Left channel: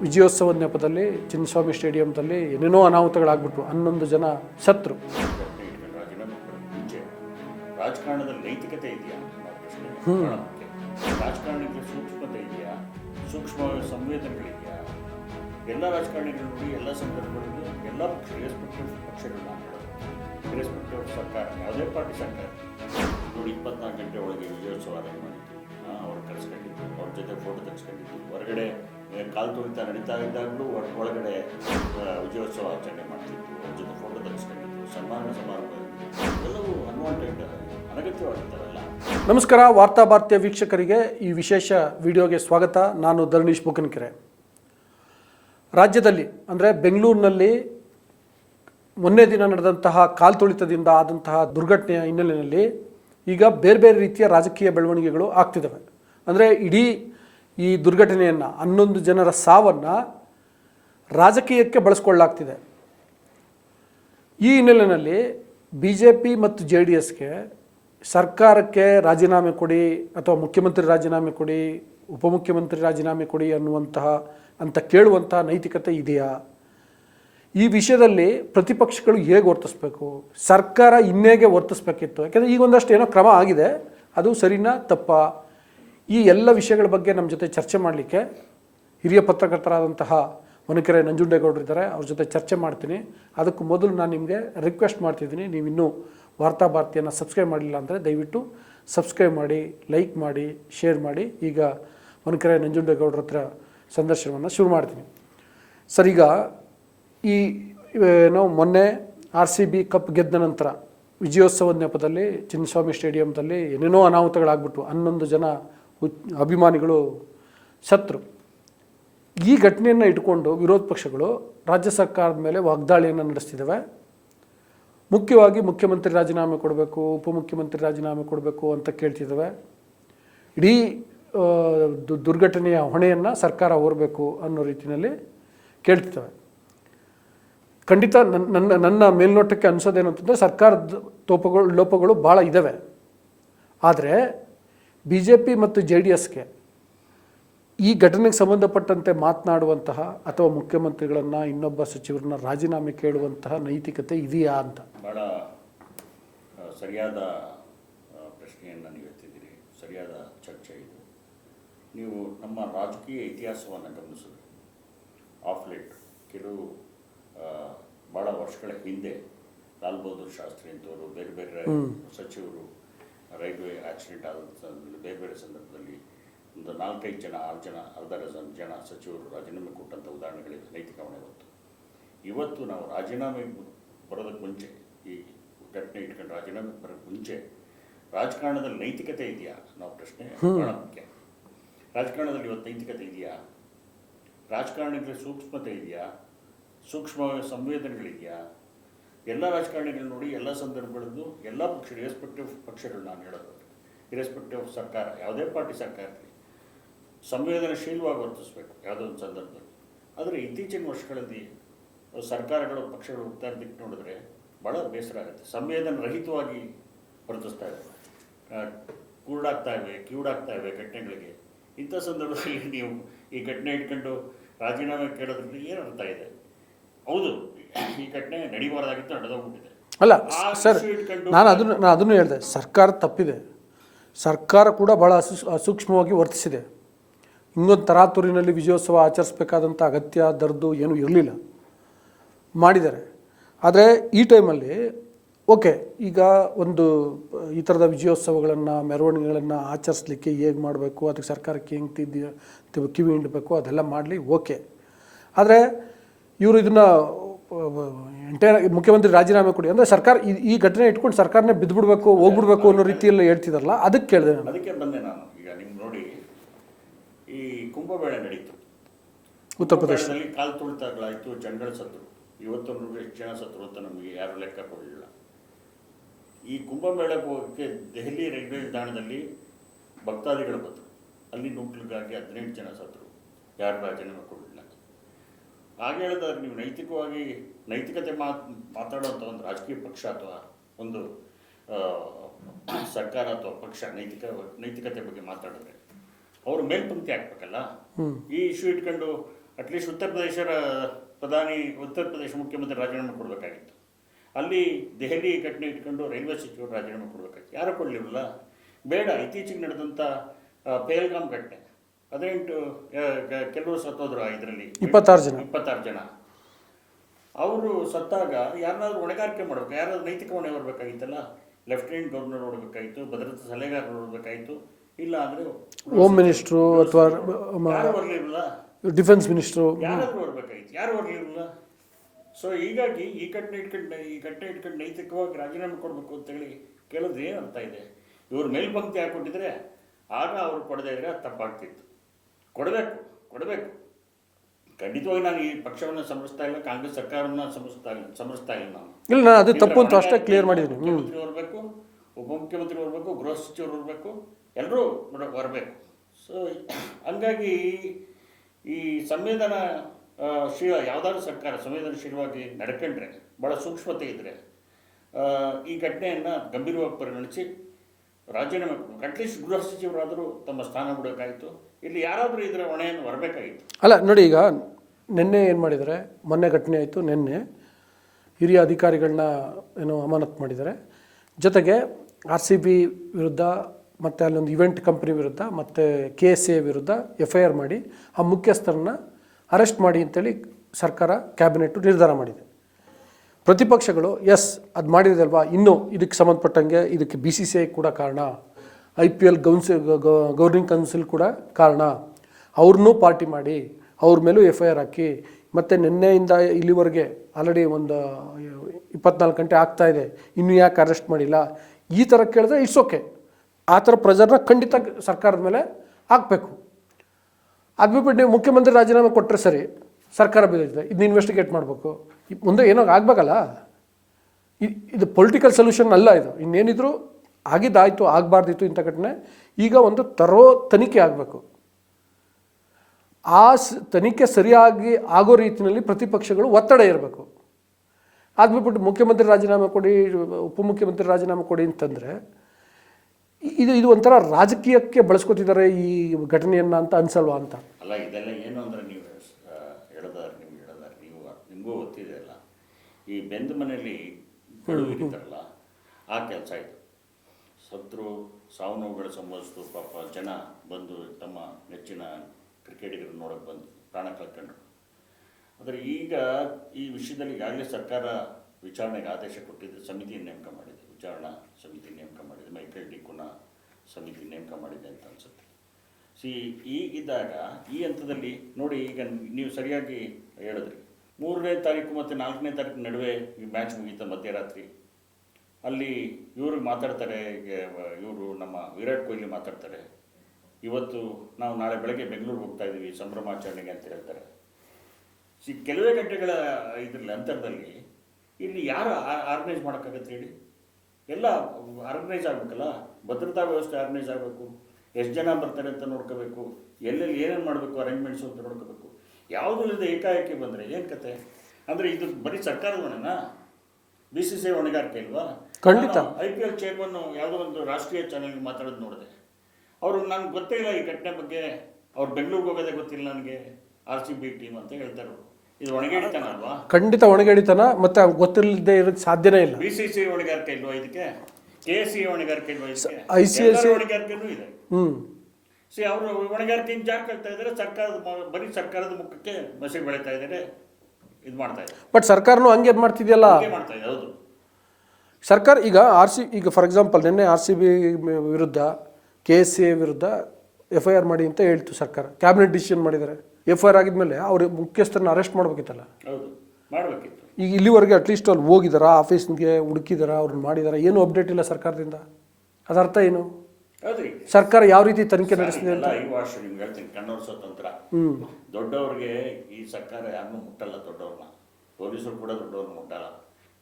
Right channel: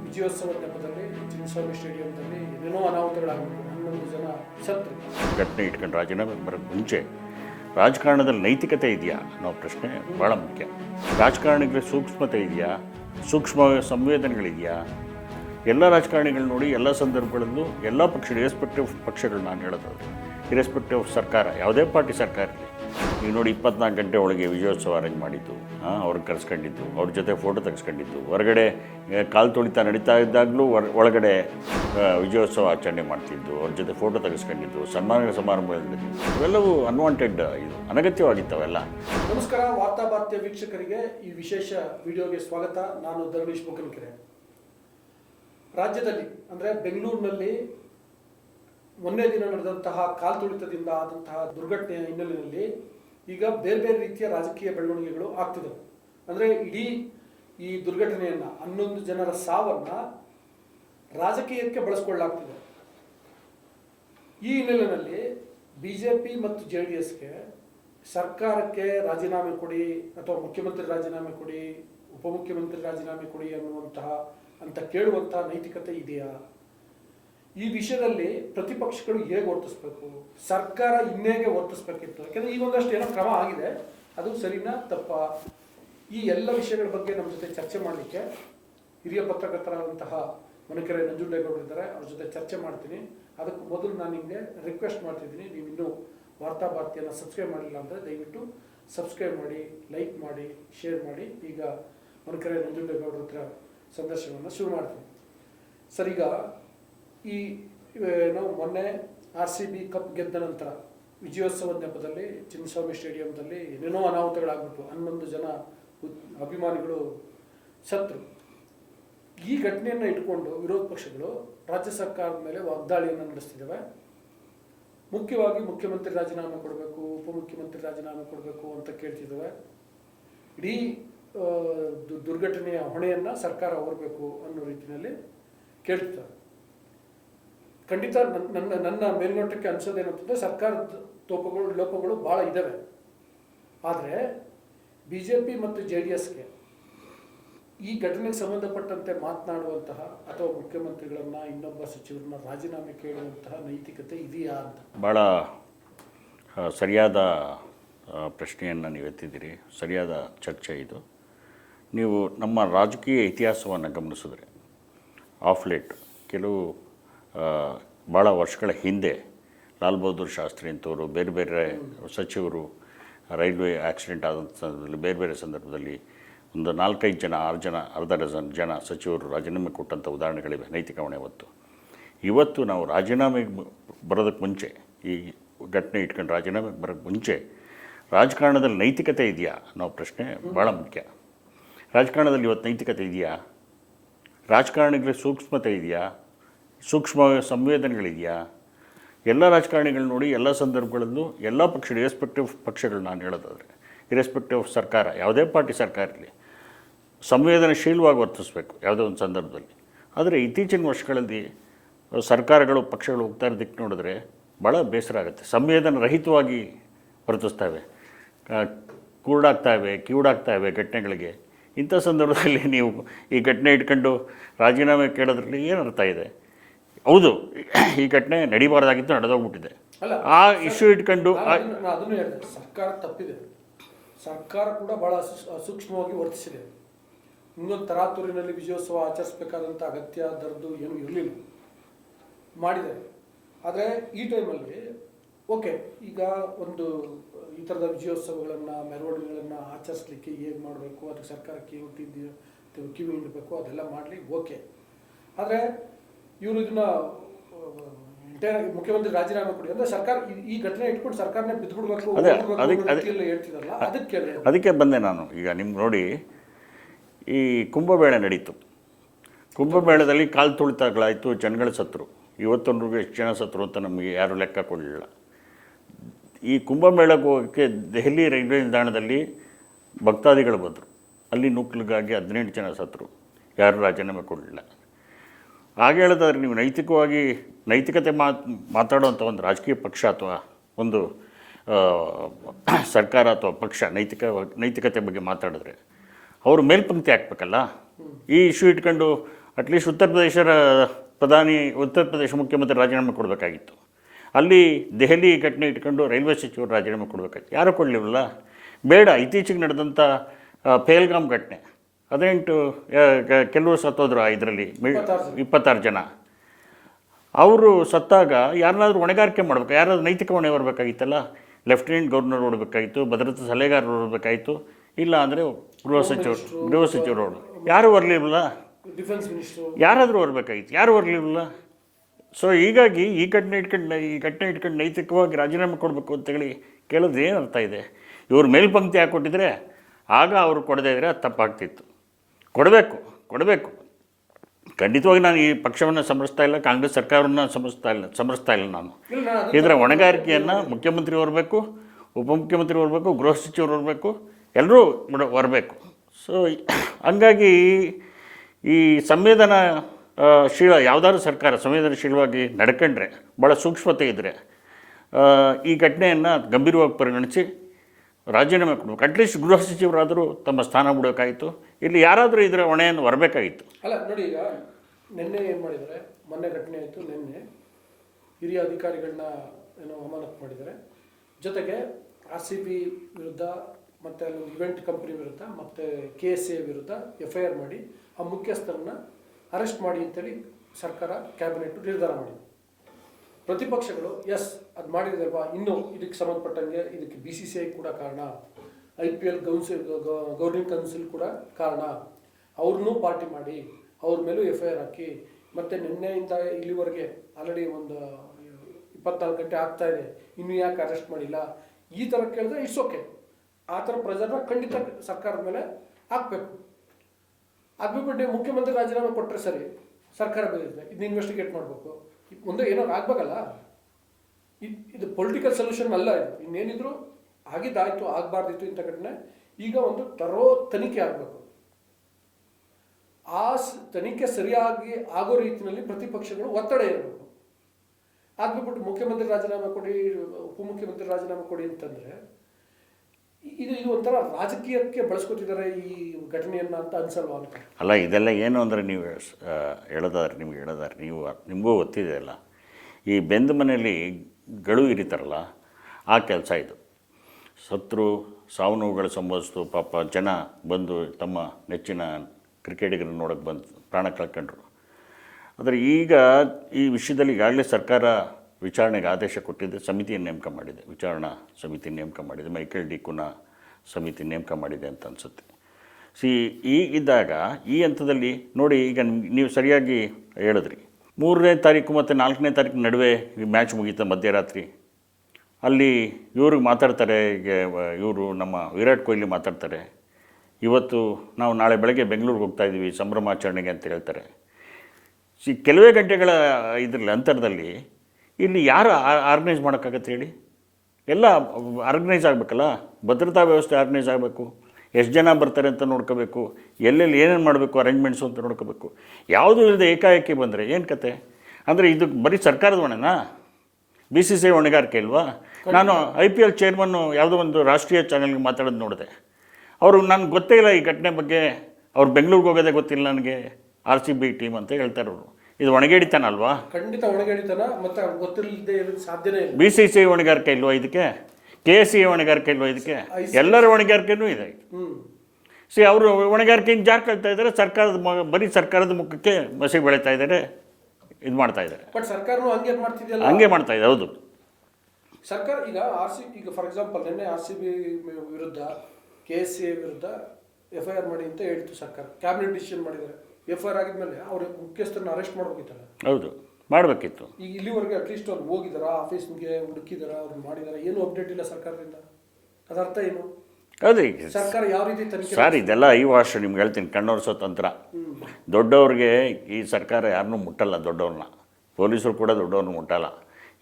ವಿಜಯೋತ್ಸವದ ನೆಪದಲ್ಲಿ ಚಿನ್ನಸ್ವಾಮಿ ಸ್ಟೇಡಿಯಂದಲ್ಲಿ ಏನೇನೋ ಅನಾಹುತಗಳಾಗ್ಬಿಟ್ಟು ಹನ್ನೊಂದು ಜನ ಸತ್ರು ಘಟನೆ ಇಟ್ಕೊಂಡು ರಾಜೀನಾಮೆ ಬರೋಕ್ಕೆ ಮುಂಚೆ ರಾಜಕಾರಣದಲ್ಲಿ ನೈತಿಕತೆ ಇದೆಯಾ ಅನ್ನೋ ಪ್ರಶ್ನೆ ಬಹಳ ಮುಖ್ಯ. ರಾಜಕಾರಣಿಗಳ ಸೂಕ್ಷ್ಮತೆ ಇದೆಯಾ? ಸೂಕ್ಷ್ಮ ಸಂವೇದನೆಗಳಿದೆಯಾ? ಎಲ್ಲ ರಾಜಕಾರಣಿಗಳು ನೋಡಿ ಎಲ್ಲ ಸಂದರ್ಭಗಳಲ್ಲೂ ಎಲ್ಲ ಪಕ್ಷ ಇರೆಸ್ಪೆಕ್ಟಿವ್ ಪಕ್ಷಗಳು ನಾನು ಹೇಳೋದು. ಇರೆಸ್ಪೆಕ್ಟಿವ್ ಸರ್ಕಾರ ಯಾವುದೇ ಪಾರ್ಟಿ ಸರ್ಕಾರ. ನೀವು ನೋಡಿ ಇಪ್ಪತ್ನಾಲ್ಕು ಗಂಟೆ ಒಳಗೆ ವಿಜಯೋತ್ಸವ ಅರೇಂಜ್ ಮಾಡಿದ್ದು, ಹಾಂ ಅವ್ರಿಗೆ ಕರೆಸ್ಕೊಂಡಿದ್ದು, ಅವ್ರ ಜೊತೆ ಫೋಟೋ ತೆಗೆಸ್ಕೊಂಡಿದ್ದು. ಹೊರಗಡೆ ಕಾಲು ತುಳಿತ ನಡೀತಾ ಇದ್ದಾಗಲೂ ಒಳಗಡೆ ವಿಜಯೋತ್ಸವ ಆಚರಣೆ ಮಾಡ್ತಿದ್ದು, ಅವ್ರ ಜೊತೆ ಫೋಟೋ ತೆಗೆಸ್ಕೊಂಡಿದ್ದು ಸನ್ಮಾನ ಸಮಾರಂಭದಲ್ಲಿ. ಇವೆಲ್ಲವೂ ಅನ್ವಾಂಟೆಡ್ ಇದು ಅನಗತ್ಯವಾಗಿತ್ತವೆಲ್ಲ ನಮಸ್ಕಾರ, ವಾರ್ತಾ ಭಾರತೀಯ ವೀಕ್ಷಕರಿಗೆ ಈ ವಿಶೇಷ ವಿಡಿಯೋಗೆ ಸ್ವಾಗತ. ನಾನು ಧರಣೀಶ್ ಬುಕನ್ಕೆರೆ ರಾಜ್ಯದಲ್ಲಿ, ಅಂದರೆ ಬೆಂಗಳೂರಿನಲ್ಲಿ ಮೊನ್ನೆ ದಿನ ನಡೆದಂತಹ ಕಾಲ್ತುಳಿತದಿಂದ ಆದಂತಹ ದುರ್ಘಟನೆಯ ಹಿನ್ನೆಲೆಯಲ್ಲಿ ಈಗ ಬೇರೆ ಬೇರೆ ರೀತಿಯ ರಾಜಕೀಯ ಬೆಳವಣಿಗೆಗಳು ಆಗ್ತಿದ್ದಾವೆ. ಅಂದರೆ ಇಡೀ ಈ ದುರ್ಘಟನೆಯನ್ನು, ಹನ್ನೊಂದು ಜನರ ಸಾವನ್ನು ರಾಜಕೀಯಕ್ಕೆ ಬಳಸ್ಕೊಳ್ಳಾಗ್ತಿದೆ ಈ ಹಿನ್ನೆಲೆಯಲ್ಲಿ ಬಿ ಜೆ ಪಿ ಮತ್ತು ಜೆ ಡಿ ಎಸ್ಗೆ ಸರ್ಕಾರಕ್ಕೆ ರಾಜೀನಾಮೆ ಕೊಡಿ ಅಥವಾ ಮುಖ್ಯಮಂತ್ರಿ ರಾಜೀನಾಮೆ ಕೊಡಿ, ಉಪಮುಖ್ಯಮಂತ್ರಿ ರಾಜೀನಾಮೆ ಕೊಡಿ ಅನ್ನುವಂತಹ ಅಂತ ಕೇಳುವಂತಹ ನೈತಿಕತೆ ಇದೆಯಾ? ಈ ವಿಷಯದಲ್ಲಿ ಪ್ರತಿಪಕ್ಷಗಳು ಹೇಗೆ ವರ್ತಿಸ್ಬೇಕು? ಸರ್ಕಾರ ಇನ್ನೇಗೆ ವರ್ತಿಸ್ಬೇಕಿತ್ತು? ಯಾಕೆಂದರೆ ಈಗ ಒಂದಷ್ಟು ಏನೋ ಕ್ರಮ ಆಗಿದೆ. ಅದು ಸರಿನಾ ತಪ್ಪ? ಈ ಎಲ್ಲ ವಿಷಯಗಳ ಬಗ್ಗೆ ನಮ್ಮ ಜೊತೆ ಚರ್ಚೆ ಮಾಡಲಿಕ್ಕೆ ಹಿರಿಯ ಪತ್ರಕರ್ತರಾದಂತಹ ಮನಕೆರೆ ನಂಜುಂಡೇಗೌಡರು ಇದ್ದಾರೆ. ಅವ್ರ ಜೊತೆ ಚರ್ಚೆ ಮಾಡ್ತೀನಿ. ಅದಕ್ಕೂ ಮೊದಲು ನಾನು ನಿಮಗೆ ರಿಕ್ವೆಸ್ಟ್ ಮಾಡ್ತಿದ್ದೀನಿ. ನೀವು ಇನ್ನೂ ವಾರ್ತಾ ಭಾರತಿಯನ್ನು ಸಬ್ಸ್ಕ್ರೈಬ್ ಮಾಡಲಿಲ್ಲ ಅಂದರೆ ದಯವಿಟ್ಟು ಸಬ್ಸ್ಕ್ರೈಬ್ ಮಾಡಿ ಲೈಕ್ ಮಾಡಿ ಶೇರ್ ಮಾಡಿ. ಈಗ ಮನಕೆರೆ ನಂಜುಂಡೇಗೌಡರ ಹತ್ರ ಸಂದರ್ಶನವನ್ನು ಶುರು ಮಾಡ್ತೀನಿ. ಸರ್, ಈಗ ಈ ಏನೋ ಮೊನ್ನೆ ಆರ್ ಸಿ ಬಿ ಕಪ್ ಗೆದ್ದ ನಂತರ ವಿಜಯೋತ್ಸವದ ನೆಪದಲ್ಲಿ ಚಿನ್ನಸ್ವಾಮಿ ಸ್ಟೇಡಿಯಂದಲ್ಲಿ ಏನೇನೋ ಅನಾಹುತಗಳಾಗ್ಬಿಟ್ಟು ಹನ್ನೊಂದು ಜನ ಅಭಿಮಾನಿಗಳು ಸತ್ರು. ಈ ಘಟನೆಯನ್ನು ಇಟ್ಕೊಂಡು ವಿರೋಧ ಪಕ್ಷಗಳು ರಾಜ್ಯ ಸರ್ಕಾರದ ಮೇಲೆ ವಾಗ್ದಾಳಿಯನ್ನು ನಡೆಸ್ತಿದ್ದಾವೆ ಮುಖ್ಯವಾಗಿ ಮುಖ್ಯಮಂತ್ರಿ ರಾಜೀನಾಮೆ ಕೊಡಬೇಕು, ಉಪಮುಖ್ಯಮಂತ್ರಿ ರಾಜೀನಾಮೆ ಕೊಡಬೇಕು ಅಂತ ಕೇಳ್ತಿದ್ದಾವೆ ಇಡೀ ದುರ್ಘಟನೆಯ ಹೊಣೆಯನ್ನು ಸರ್ಕಾರ ಹೊರಬೇಕು ಅನ್ನೋ ರೀತಿಯಲ್ಲಿ ಕೇಳ್ತಿದ್ದಾವೆ ಖಂಡಿತ ನನ್ನ ನನ್ನ ಮೇಲ್ನೋಟಕ್ಕೆ ಅನಿಸೋದೇನು ಅಂತಂದರೆ ಸರ್ಕಾರದ ತೋಪಗಳು, ಲೋಪಗಳು ಭಾಳ ಇದ್ದಾವೆ ಆದರೆ ಬಿ ಜೆ ಪಿ ಮತ್ತು ಜೆ ಡಿ ಎಸ್ಗೆ ಈ ಘಟನೆಗೆ ಸಂಬಂಧಪಟ್ಟಂತೆ ಮಾತನಾಡುವಂತಹ ಅಥವಾ ಮುಖ್ಯಮಂತ್ರಿಗಳನ್ನು, ಇನ್ನೊಬ್ಬ ಸಚಿವರನ್ನ ರಾಜೀನಾಮೆ ಕೇಳುವಂತಹ ನೈತಿಕತೆ ಇದೆಯಾ ಅಂತ? ಭಾಳ ಸರಿಯಾದ ಪ್ರಶ್ನೆಯನ್ನು ನೀವು ಎತ್ತಿದ್ದೀರಿ. ಸರಿಯಾದ ಚರ್ಚೆ ಇದು. ನೀವು ನಮ್ಮ ರಾಜಕೀಯ ಇತಿಹಾಸವನ್ನು ಗಮನಿಸಿದ್ರೆ, ಆಫ್ ಲೇಟ್, ಕೆಲವು ಭಾಳ ವರ್ಷಗಳ ಹಿಂದೆ ಲಾಲ್ ಬಹದ್ದೂರ್ ಶಾಸ್ತ್ರಿ ಅಂತವರು ಬೇರೆ ಬೇರೆ ಸಚಿವರು ರೈಲ್ವೆ ಆಕ್ಸಿಡೆಂಟ್ ಆದಂಥ ಸಂದರ್ಭದಲ್ಲಿ, ಬೇರೆ ಬೇರೆ ಸಂದರ್ಭದಲ್ಲಿ ಒಂದು ನಾಲ್ಕೈದು ಜನ, ಆರು ಜನ, ಅರ್ಧ ಡಜನ್ ಜನ ಸಚಿವರು ರಾಜೀನಾಮೆ ಕೊಟ್ಟಂಥ ಉದಾಹರಣೆಗಳಿವೆ, ನೈತಿಕ ಹೊಣೆ ಹೊತ್ತು. ಇವತ್ತು ನಾವು ರಾಜೀನಾಮೆಗೆ ಬರೋದಕ್ಕೆ ಮುಂಚೆ, ಈ ಘಟನೆ ಇಟ್ಕೊಂಡು ರಾಜೀನಾಮೆಗೆ ಬರೋಕ್ಕೆ ಮುಂಚೆ, ರಾಜಕಾರಣದಲ್ಲಿ ನೈತಿಕತೆ ಇದೆಯಾ ಅನ್ನೋ ಪ್ರಶ್ನೆ ಭಾಳ ಮುಖ್ಯ. ರಾಜಕಾರಣದಲ್ಲಿ ಇವತ್ತು ನೈತಿಕತೆ ಇದೆಯಾ? ರಾಜಕಾರಣಿಗಳಿಗೆ ಸೂಕ್ಷ್ಮತೆ ಇದೆಯಾ? ಸೂಕ್ಷ್ಮ ಸಂವೇದನೆಗಳಿದೆಯಾ? ಎಲ್ಲ ರಾಜಕಾರಣಿಗಳು ನೋಡಿ ಎಲ್ಲ ಸಂದರ್ಭಗಳಲ್ಲೂ ಎಲ್ಲ ಪಕ್ಷ ಇರೆಸ್ಪೆಕ್ಟಿವ್ ಪಕ್ಷಗಳು ನಾನು ಹೇಳೋದಾದರೆ ಇರೆಸ್ಪೆಕ್ಟಿವ್ ಸರ್ಕಾರ, ಯಾವುದೇ ಪಾರ್ಟಿ ಸರ್ಕಾರ ಇರಲಿ, ಸಂವೇದನಶೀಲವಾಗಿ ವರ್ತಿಸಬೇಕು ಯಾವುದೇ ಒಂದು ಸಂದರ್ಭದಲ್ಲಿ. ಆದರೆ ಇತ್ತೀಚಿನ ವರ್ಷಗಳಲ್ಲಿ ಸರ್ಕಾರಗಳು, ಪಕ್ಷಗಳು ಹೋಗ್ತಾ ಇರೋದಕ್ಕೆ ನೋಡಿದ್ರೆ ಭಾಳ ಬೇಸರ ಆಗುತ್ತೆ. ಸಂವೇದನ ರಹಿತವಾಗಿ ವರ್ತಿಸ್ತವೆ ಕೂರ್ಡಾಗ್ತಾಯಿವೆ ಇವೆ ಘಟನೆಗಳಿಗೆ. ಇಂಥ ಸಂದರ್ಭದಲ್ಲಿ ನೀವು ಈ ಘಟನೆ ಇಟ್ಕೊಂಡು ರಾಜೀನಾಮೆ ಕೇಳೋದ್ರಲ್ಲಿ ಏನು ಅರ್ಥ ಇದೆ? ಹೌದು ಈ ಘಟನೆ ನಡಿಬಾರ್ದಾಗಿತ್ತು ನಡೆದೋಗ್ಬಿಟ್ಟಿದೆ. ಅಲ್ಲ ಆ ಸರ್, ಇಶ್ಯೂ ಇಟ್ಕೊಂಡು ನಾನು ಅದನ್ನು ನಾನು ಅದನ್ನು ಹೇಳಿದೆ ಸರ್ಕಾರ ತಪ್ಪಿದೆ. ಸರ್ಕಾರ ಕೂಡ ಭಾಳ ಅಸು ಅಸೂಕ್ಷ್ಮವಾಗಿ ವರ್ತಿಸಿದೆ. ಇನ್ನೊಂದು ತರಾತುರಿನಲ್ಲಿ ವಿಜಯೋತ್ಸವ ಆಚರಿಸಬೇಕಾದಂಥ ಅಗತ್ಯ ದರ್ದು ಏನೂ ಇರಲಿಲ್ಲ. ಮಾಡಿದ್ದಾರೆ. ಆದರೆ ಈ ಟೈಮಲ್ಲಿ ಓಕೆ ಈಗ ಒಂದು ಈ ಥರದ ವಿಜಯೋತ್ಸವಗಳನ್ನು ಮೆರವಣಿಗೆಗಳನ್ನು ಆಚರಿಸ್ಲಿಕ್ಕೆ ಹೇಗೆ ಮಾಡಬೇಕು ಅದಕ್ಕೆ ಸರ್ಕಾರಕ್ಕೆ ಹೆಂಗೆ ತಿದ್ದಿ ಕಿವಿ ಹಿಂಡಬೇಕು ಅದೆಲ್ಲ ಮಾಡಲಿ ಓಕೆ. ಆದರೆ ಇವರು ಇದನ್ನು ಎಂಟೈರ್ ಮುಖ್ಯಮಂತ್ರಿ ರಾಜೀನಾಮೆ ಕೊಡಿ. ಅಂದರೆ ಸರ್ಕಾರ ಈ- ಘಟನೆ ಇಟ್ಕೊಂಡು ಸರ್ಕಾರನೇ ಬಿದ್ದುಬಿಡ್ಬೇಕು ಹೋಗ್ಬಿಡ್ಬೇಕು ಅನ್ನೋ ರೀತಿಯಲ್ಲಿ ಹೇಳ್ತಿದಾರಲ್ಲ ಅದಕ್ಕೆ ಕೇಳಿದೆ ಅದಕ್ಕೆ ಬಂದೆ ನಾನು. ಈಗ ನಿಮ್ಗೆ ನೋಡಿ ಈ ಕುಂಭಮೇಳ ನಡೀತು. ಕುಂಭಮೇಳದಲ್ಲಿ ಕಾಲು ತುಳಿತಗಳಾಯಿತು ಜನಗಳ ಸತ್ರು. ಇವತ್ತೊಂದು ಎಷ್ಟು ಜನ ಸತ್ರು ಅಂತ ನಮಗೆ ಯಾರು ಲೆಕ್ಕ ಕೊಡಲಿಲ್ಲ. ಈ ಕುಂಭಮೇಳಕ್ಕೆ ಹೋಗೋಕ್ಕೆ ದೆಹಲಿ ರೈಲ್ವೆ ನಿಲ್ದಾಣದಲ್ಲಿ ಭಕ್ತಾದಿಗಳು ಬಂದರು. ಅಲ್ಲಿ ನೂಕ್ಲಿಗಾಗಿ ಹದಿನೆಂಟು ಜನ ಸತ್ರು. ಯಾರು ರಾಜೀನಾಮೆ ಕೊಡಲಿಲ್ಲ. ಹಾಗೆ ಹೇಳೋದಾದ್ರೆ ನೀವು ನೈತಿಕವಾಗಿ, ನೈತಿಕತೆ ಮಾತ್, ಮಾತಾಡುವಂಥ ಒಂದು ರಾಜಕೀಯ ಪಕ್ಷ ಅಥವಾ ಒಂದು ಸರ್ಕಾರ ಅಥವಾ ಪಕ್ಷ ನೈತಿಕ, ನೈತಿಕತೆ ಬಗ್ಗೆ ಮಾತಾಡಿದ್ರೆ ಅವರು ಮೇಲ್ಪಂಕ್ತಿ ಹಾಕ್ಬೇಕಲ್ಲ? ಈ ಇಶ್ಯೂ ಇಟ್ಕೊಂಡು ಅಟ್ಲೀಸ್ಟ್ ಉತ್ತರ ಪ್ರದೇಶದ ಪ್ರಧಾನಿ, ಉತ್ತರ ಪ್ರದೇಶ ಮುಖ್ಯಮಂತ್ರಿ ರಾಜೀನಾಮೆ ಕೊಡಬೇಕಾಗಿತ್ತು. ಅಲ್ಲಿ ದೆಹಲಿ ಘಟನೆ ಇಟ್ಕೊಂಡು ರೈಲ್ವೆ ಸಚಿವರು ರಾಜೀನಾಮೆ ಕೊಡಬೇಕಾಗಿತ್ತು. ಯಾರು ಕೊಡಲಿಲ್ಲ? ಬೇಡ, ಇತ್ತೀಚೆಗೆ ನಡೆದಂಥ ಪೇಲ್ಗಾಮ್ ಘಟನೆ. ಹದಿನೆಂಟು ಕೆಲವರು ಸತ್ತೋದ್ರು ಇದರಲ್ಲಿ. ಇಪ್ಪತ್ತಾರು ಜನ. ಇಪ್ಪತ್ತಾರು ಜನ. ಅವರು ಸತ್ತಾಗ ಯಾರನ್ನಾದ್ರೂ ಹೊಣೆಗಾರಿಕೆ ಮಾಡಬೇಕು? ಯಾರಾದ್ರೂ ನೈತಿಕ ಹೊಣೆ ಬರಬೇಕಾಗಿತ್ತಲ್ಲ? ಲೆಫ್ಟಿನೆಂಟ್ ಗವರ್ನರ್ ಹೊರಬೇಕಾಗಿತ್ತು ಭದ್ರತಾ ಸಲಹೆಗಾರರು ಹೊರಬೇಕಾಗಿತ್ತು ಇಲ್ಲ ಅಂದರೆ ಯಾರು ಬರಲಿಲ್ಲ? ಡಿಫೆನ್ಸ್ ಮಿನಿಸ್ಟ್ರು ಯಾರಾದರೂ ಬರಬೇಕಾಗಿತ್ತು. ಯಾರು ಬರಲಿಲ್ಲ? ಸೊ ಹೀಗಾಗಿ ಈ ಘಟನೆ ಇಟ್ಕೊಂಡು ಈ ಘಟನೆ ಇಟ್ಕೊಂಡು ನೈತಿಕವಾಗಿ ರಾಜೀನಾಮೆ ಕೊಡಬೇಕು ಅಂತೇಳಿ ಕೇಳೋದು ಏನು ಅರ್ಥ ಇದೆ? ಇವ್ರ ಮೇಲ್ಪಂಕ್ತಿ ಹಾಕ್ಕೊಟ್ಟಿದ್ರೆ ಆಗ ಅವರು ಕೊಡದೇ ಇದ್ರೆ ಅದು ತಪ್ಪಾಗ್ತಿತ್ತು. ಕೊಡಬೇಕು ಕೊಡಬೇಕು. ಖಂಡಿತವಾಗಿ ನಾನು ಈ ಪಕ್ಷವನ್ನು ಸಮರಿಸ್ತಾ ಇಲ್ಲ ಕಾಂಗ್ರೆಸ್ ಸರ್ಕಾರವನ್ನು ಸಮರಿಸ್ತಾ ಇಲ್ಲ ಸಮರಿಸ್ತಾ ಇಲ್ಲ ನಾನು. ಇದರ ಹೊಣೆಗಾರಿಕೆಯನ್ನು ಮಾಡಿದ್ದೀನಿ. ಮುಖ್ಯಮಂತ್ರಿ ಬರಬೇಕು ಉಪಮುಖ್ಯಮಂತ್ರಿ ಬರಬೇಕು ಗೃಹ ಸಚಿವರು ಬರಬೇಕು ಎಲ್ಲರೂ ಬರಬೇಕು ಸೊ ಹಂಗಾಗಿ ಈ ಸಂವೇದನ ಶೀಲ ಯಾವುದಾದ್ರು ಸರ್ಕಾರ ಸಂವೇದನಶೀಲವಾಗಿ ನಡ್ಕೊಂಡ್ರೆ ಭಾಳ ಸೂಕ್ಷ್ಮತೆ ಇದ್ದರೆ ಈ ಘಟನೆಯನ್ನು ಗಂಭೀರವಾಗಿ ಪರಿಗಣಿಸಿ ರಾಜೀನಾಮೆ ಕೊಡಬೇಕು. ಅಟ್ಲೀಸ್ಟ್ ಗೃಹ ಸಚಿವರಾದರೂ ತಮ್ಮ ಸ್ಥಾನ ಬಿಡಬೇಕಾಯಿತು ಇಲ್ಲಿ ಯಾರಾದರೂ ಇದರ ಹೊಣೆಯನ್ನು ಬರಬೇಕಾಗಿತ್ತು ಅಲ್ಲ, ನೋಡಿ ಈಗ ನಿನ್ನೆ ಏನು ಮಾಡಿದರೆ ಮೊನ್ನೆ ಘಟನೆ ಆಯಿತು, ನಿನ್ನೆ. ಹಿರಿಯ ಅಧಿಕಾರಿಗಳನ್ನ ಏನು ಅಮಾನತ್ ಮಾಡಿದ್ದಾರೆ. ಜೊತೆಗೆ ಆರ್ ಸಿ ಬಿ ವಿರುದ್ಧ ಮತ್ತು ಅಲ್ಲೊಂದು ಇವೆಂಟ್ ಕಂಪ್ನಿ ವಿರುದ್ಧ ಮತ್ತು ಕೆ ಎಸ್ ಎ ವಿರುದ್ಧ ಎಫ್ ಐ ಆರ್ ಮಾಡಿ ಆ ಮುಖ್ಯಸ್ಥರನ್ನ ಅರೆಸ್ಟ್ ಮಾಡಿ ಅಂತೇಳಿ ಸರ್ಕಾರ ಕ್ಯಾಬಿನೆಟ್ಟು ನಿರ್ಧಾರ ಮಾಡಿದೆ. ಪ್ರತಿಪಕ್ಷಗಳು ಎಸ್ ಅದು ಮಾಡಿದಲ್ವಾ ಇನ್ನೂ ಇದಕ್ಕೆ ಸಂಬಂಧಪಟ್ಟಂಗೆ ಇದಕ್ಕೆ ಬಿ ಸಿ ಸಿ ಐ ಕೂಡ ಕಾರಣ. ಐ ಪಿ ಎಲ್ ಗೌನ್ಸಿ ಗೌರ್ನಿಂಗ್ ಕೌನ್ಸಿಲ್ ಕೂಡ ಕಾರಣ. ಅವ್ರನ್ನೂ ಪಾರ್ಟಿ ಮಾಡಿ, ಅವ್ರ ಮೇಲೂ ಎಫ್ ಐ ಆರ್ ಹಾಕಿ, ಮತ್ತು ನಿನ್ನೆಯಿಂದ ಇಲ್ಲಿವರೆಗೆ ಆಲ್ರೆಡಿ ಒಂದು, ಇಪ್ಪತ್ನಾಲ್ಕು ಗಂಟೆ ಆಗ್ತಾ ಇದೆ. ಇನ್ನೂ ಯಾಕೆ ಅರೆಸ್ಟ್ ಮಾಡಿಲ್ಲ? ಈ ಥರ ಕೇಳಿದ್ರೆ ಇಟ್ಸ್ ಓಕೆ ಆ ಥರ ಪ್ರೆಜರ್ನ ಖಂಡಿತ ಸರ್ಕಾರದ ಮೇಲೆ ಹಾಕಬೇಕು. ಅದು ನೀವು ಮುಖ್ಯಮಂತ್ರಿ ರಾಜೀನಾಮೆ ಕೊಟ್ಟರೆ ಸರಿ. ಸರ್ಕಾರ ಬೇಕಿದೆ ಇದನ್ನ ಇನ್ವೆಸ್ಟಿಗೇಟ್ ಮಾಡಬೇಕು. ಮುಂದೆ ಏನೋ ಆಗಬೇಕಲ್ಲ? ಇದು ಪೊಲಿಟಿಕಲ್ ಸೊಲ್ಯೂಷನ್ ಅಲ್ಲ ಇದು. ಇನ್ನೇನಿದ್ರು ಆಗಿದ್ದಾಯಿತು, ಆಗಬಾರ್ದಿತ್ತು ಇಂಥ ಘಟನೆ. ಈಗ ಒಂದು ತರೋ ತನಿಖೆ ಆಗಬೇಕು. ಆ ತನಿಖೆ ಸರಿಯಾಗಿ ಆಗೋ ರೀತಿಯಲ್ಲಿ ಪ್ರತಿಪಕ್ಷಗಳು ಒತ್ತಡ ಇರಬೇಕು ಅದು ಬಿಟ್ಬಿಟ್ಟು ಮುಖ್ಯಮಂತ್ರಿ ರಾಜೀನಾಮೆ ಕೊಡಿ, ಉಪಮುಖ್ಯಮಂತ್ರಿ ರಾಜೀನಾಮೆ ಕೊಡಿ ಅಂತಂದರೆ ಇದು ಇದು ಒಂಥರ ರಾಜಕೀಯಕ್ಕೆ ಬಳಸ್ಕೊತಿದ್ದಾರೆ ಈ ಘಟನೆಯನ್ನು ಅಂತ ಅನ್ಸಲ್ವಾ ಅಂತ? ಅಲ್ಲ, ಇದೆಲ್ಲ ಏನು ಅಂದರೆ ನೀವು ಹೇಳೋದಾದ್ರೆ, ನಿಮ್ಗೆ ಹೇಳೋದಾದ್ರೆ, ನೀವು, ನಿಮಗೂ ಗೊತ್ತಿದೆ ಅಲ್ಲ. ಈ ಬೆಂದ ಮನೆಯಲ್ಲಿ ಗಡು ಇರಿತಾರಲ್ಲ ಆ ಕೆಲಸ ಇದು. ಸತ್ರು, ಸಾವು ನೋವುಗಳು ಸಂಭವಿಸ್ತು, ಪಾಪ ಜನ ಬಂದು ತಮ್ಮ ನೆಚ್ಚಿನ ಕ್ರಿಕೆಟಿಗರನ್ನು ನೋಡೋಕ್ಕೆ ಬಂದು ಪ್ರಾಣ ಕಳ್ಕೊಂಡ್ರು. ಆದರೆ ಈಗ ಈ ವಿಷಯದಲ್ಲಿ ಈಗಾಗಲೇ ಸರ್ಕಾರ ವಿಚಾರಣೆಗೆ ಆದೇಶ ಕೊಟ್ಟಿದೆ ಸಮಿತಿಯನ್ನು ನೇಮಕ ಮಾಡಿದೆ. ವಿಚಾರಣಾ ಸಮಿತಿ ನೇಮಕ ಮಾಡಿದೆ, ಮೈಕಲ್ ಡಿ ಕುನಾ ಸಮಿತಿ ನೇಮಕ ಮಾಡಿದೆ ಅಂತ ಅನಿಸುತ್ತೆ. ಸಿ, ಈ ಇದ್ದಾಗ, ಈ ಹಂತದಲ್ಲಿ ನೋಡಿ, ಈಗ ನೀವು ಸರಿಯಾಗಿ ಹೇಳಿದ್ರಿ. ಮೂರನೇ ತಾರೀಕು ಮತ್ತು ನಾಲ್ಕನೇ ತಾರೀಕು ನಡುವೆ ಈ ಮ್ಯಾಚ್ ಮುಗೀತ ಮಧ್ಯರಾತ್ರಿ. ಅಲ್ಲಿ ಇವ್ರಿಗೆ ಮಾತಾಡ್ತಾರೆ, ಈಗ, ಇವರು ನಮ್ಮ ವಿರಾಟ್ ಕೊಹ್ಲಿ ಮಾತಾಡ್ತಾರೆ. ಇವತ್ತು ನಾವು ನಾಳೆ ಬೆಳಗ್ಗೆ ಬೆಂಗಳೂರಿಗೆ ಹೋಗ್ತಾ ಇದ್ದೀವಿ, ಸಂಭ್ರಮಾಚರಣೆಗೆ ಅಂತ ಹೇಳ್ತಾರೆ. ಸಿ, ಕೆಲವೇ ಗಂಟೆಗಳ ಇದರಲ್ಲಿ, ಅಂತರದಲ್ಲಿ ಇಲ್ಲಿ ಯಾರು ಆರ್ಗನೈಸ್ ಮಾಡೋಕ್ಕಾಗತ್ತೆ ಹೇಳಿ? ಎಲ್ಲ ಆರ್ಗನೈಸ್ ಆಗಬೇಕಲ್ಲ? ಭದ್ರತಾ ವ್ಯವಸ್ಥೆ ಆರ್ಗನೈಸ್ ಆಗಬೇಕು. ಎಷ್ಟು ಜನ ಬರ್ತಾರೆ ಅಂತ ನೋಡ್ಕೋಬೇಕು. ಎಲ್ಲೆಲ್ಲಿ ಏನೇನು ಮಾಡಬೇಕು ಅರೇಂಜ್ಮೆಂಟ್ಸು ಅಂತ ನೋಡ್ಕೋಬೇಕು. ಯಾವುದೂ ಇಲ್ಲದೆ ಏಕಾಏಕಿ ಬಂದರೆ ಏನು ಕತೆ? ಅಂದರೆ ಇದು ಬರೀ ಸರ್ಕಾರದ ಹೊಣೆನಾ? ಬಿ ಸಿ ಸಿ ಐ ಹೊಣೆಗಾರಿಕೆ ಇಲ್ವಾ? ನಾನು ಐ ಪಿ ಎಲ್ ಚೇರ್ಮನ್ನು ಯಾವುದೋ ಒಂದು ರಾಷ್ಟ್ರೀಯ ಚಾನಲ್ಗೆ ಮಾತಾಡೋದು ನೋಡಿದೆ. ಅವರು ನನಗೆ ಗೊತ್ತೇ ಇಲ್ಲ ಈ ಘಟನೆ ಬಗ್ಗೆ. ಅವ್ರು ಬೆಂಗಳೂರಿಗೆ ಹೋಗೋದೇ ಗೊತ್ತಿಲ್ಲ ನನಗೆ. ಆರ್ ಸಿ ಬಿ ಟೀಮ್ ಅಂತ ಹೇಳ್ತಾರೆ ಅವರು. ಇದು ಒಣಗೇಡಿತನ ಅಲ್ವಾ ಖಂಡಿತ ಒಣಗೇಡಿತಾನ ಮತ್ತೆ ಗೊತ್ತಿಲ್ಲದೆ ಇರೋಕ್ಕೆ ಸಾಧ್ಯನೇ ಇಲ್ಲ. ಬಿ ಸಿ ಸಿ ಹೊಣೆಗಾರಿಕೆ ಇಲ್ವಾ ಇದಕ್ಕೆ? ಕೆ ಎಸ್ ಸಿ ಹೊಣೆಗಾರಿಕೆ ಇಲ್ವಾ ಇದಕ್ಕೆ? ICICI ಎಲ್ಲರ ಹೊಣೆಗಾರಿಕೆನೂ ಇದೆ. ಹ್ಞೂ ಸಿ ಅವರು ಹೊಣೆಗಾರಿಕೆಯಿಂದ ಜಾರ್ಕೊಳ್ತಾ ಇದ್ದಾರೆ ಸರ್ಕಾರದ ಮ- ಬರೀ ಸರ್ಕಾರದ ಮುಖಕ್ಕೆ ಮಸಿ ಬೆಳೀತಾ ಇದ್ದಾರೆ ಇದು ಮಾಡ್ತಾ ಇದ್ದಾರೆ ಬಟ್ ಸರ್ಕಾರನೂ ಹಂಗೆ ಇದು ಮಾಡ್ತಿದೆಯಲ್ಲ? ಹಂಗೆ ಮಾಡ್ತಾ ಇದೆ ಹೌದು. ಸರ್ಕಾರ ಈಗ ಆರ್ ಸಿ ಈಗ ಫಾರ್ ಎಕ್ಸಾಂಪಲ್ ನಿನ್ನೆ ಆರ್ ಸಿ ಬಿ ವಿರುದ್ಧ ಕೆ ಎಸ್ ಸಿ ಎ ವಿರುದ್ಧ ಎಫ್ ಐ ಆರ್ ಮಾಡಿ ಅಂತ ಹೇಳ್ತು ಸರ್ಕಾರ ಕ್ಯಾಬಿನೆಟ್ ಡಿಸಿಷನ್ ಮಾಡಿದ್ದಾರೆ. ಎಫ್ ಐ ಆರ್ ಆಗಿದ್ಮೇಲೆ ಅವ್ರ ಮುಖ್ಯಸ್ಥರನ್ನ ಅರೆಸ್ಟ್ ಮಾಡ್ಬೇಕಿತ್ತಲ್ಲ. ಹೌದು ಮಾಡಬೇಕಿತ್ತು. ಈಗ ಇಲ್ಲಿವರೆಗೆ ಅಟ್ಲೀಸ್ಟ್ ಅಲ್ಲಿ ಹೋಗಿದಾರ ಆಫೀಸ್ಗೆ ಹುಡುಕಿದಾರ ಅವ್ರನ್ನ ಮಾಡಿದಾರ ಏನು ಅಪ್ಡೇಟ್ ಇಲ್ಲ ಸರ್ಕಾರದಿಂದ? ಅದರ್ಥ ಏನು? ಅದೇ ಈಗ ಸರ್ಕಾರ ಯಾವ ರೀತಿ ತನಿಖೆ ಸರ್ ಇದೆಲ್ಲ ಈ ವಾಶ್ ನಿಮ್ಗೆ ಹೇಳ್ತೀನಿ ಕಣ್ಣವ್ರ ಸ್ವತಂತ್ರ. ದೊಡ್ಡವ್ರಿಗೆ ಈ ಸರ್ಕಾರ ಯಾರನ್ನೂ ಮುಟ್ಟಲ್ಲ ದೊಡ್ಡವ್ರನ್ನ. ಪೊಲೀಸರು ಕೂಡ ದೊಡ್ಡವ್ರನ್ನ ಮುಟ್ಟಲ್ಲ.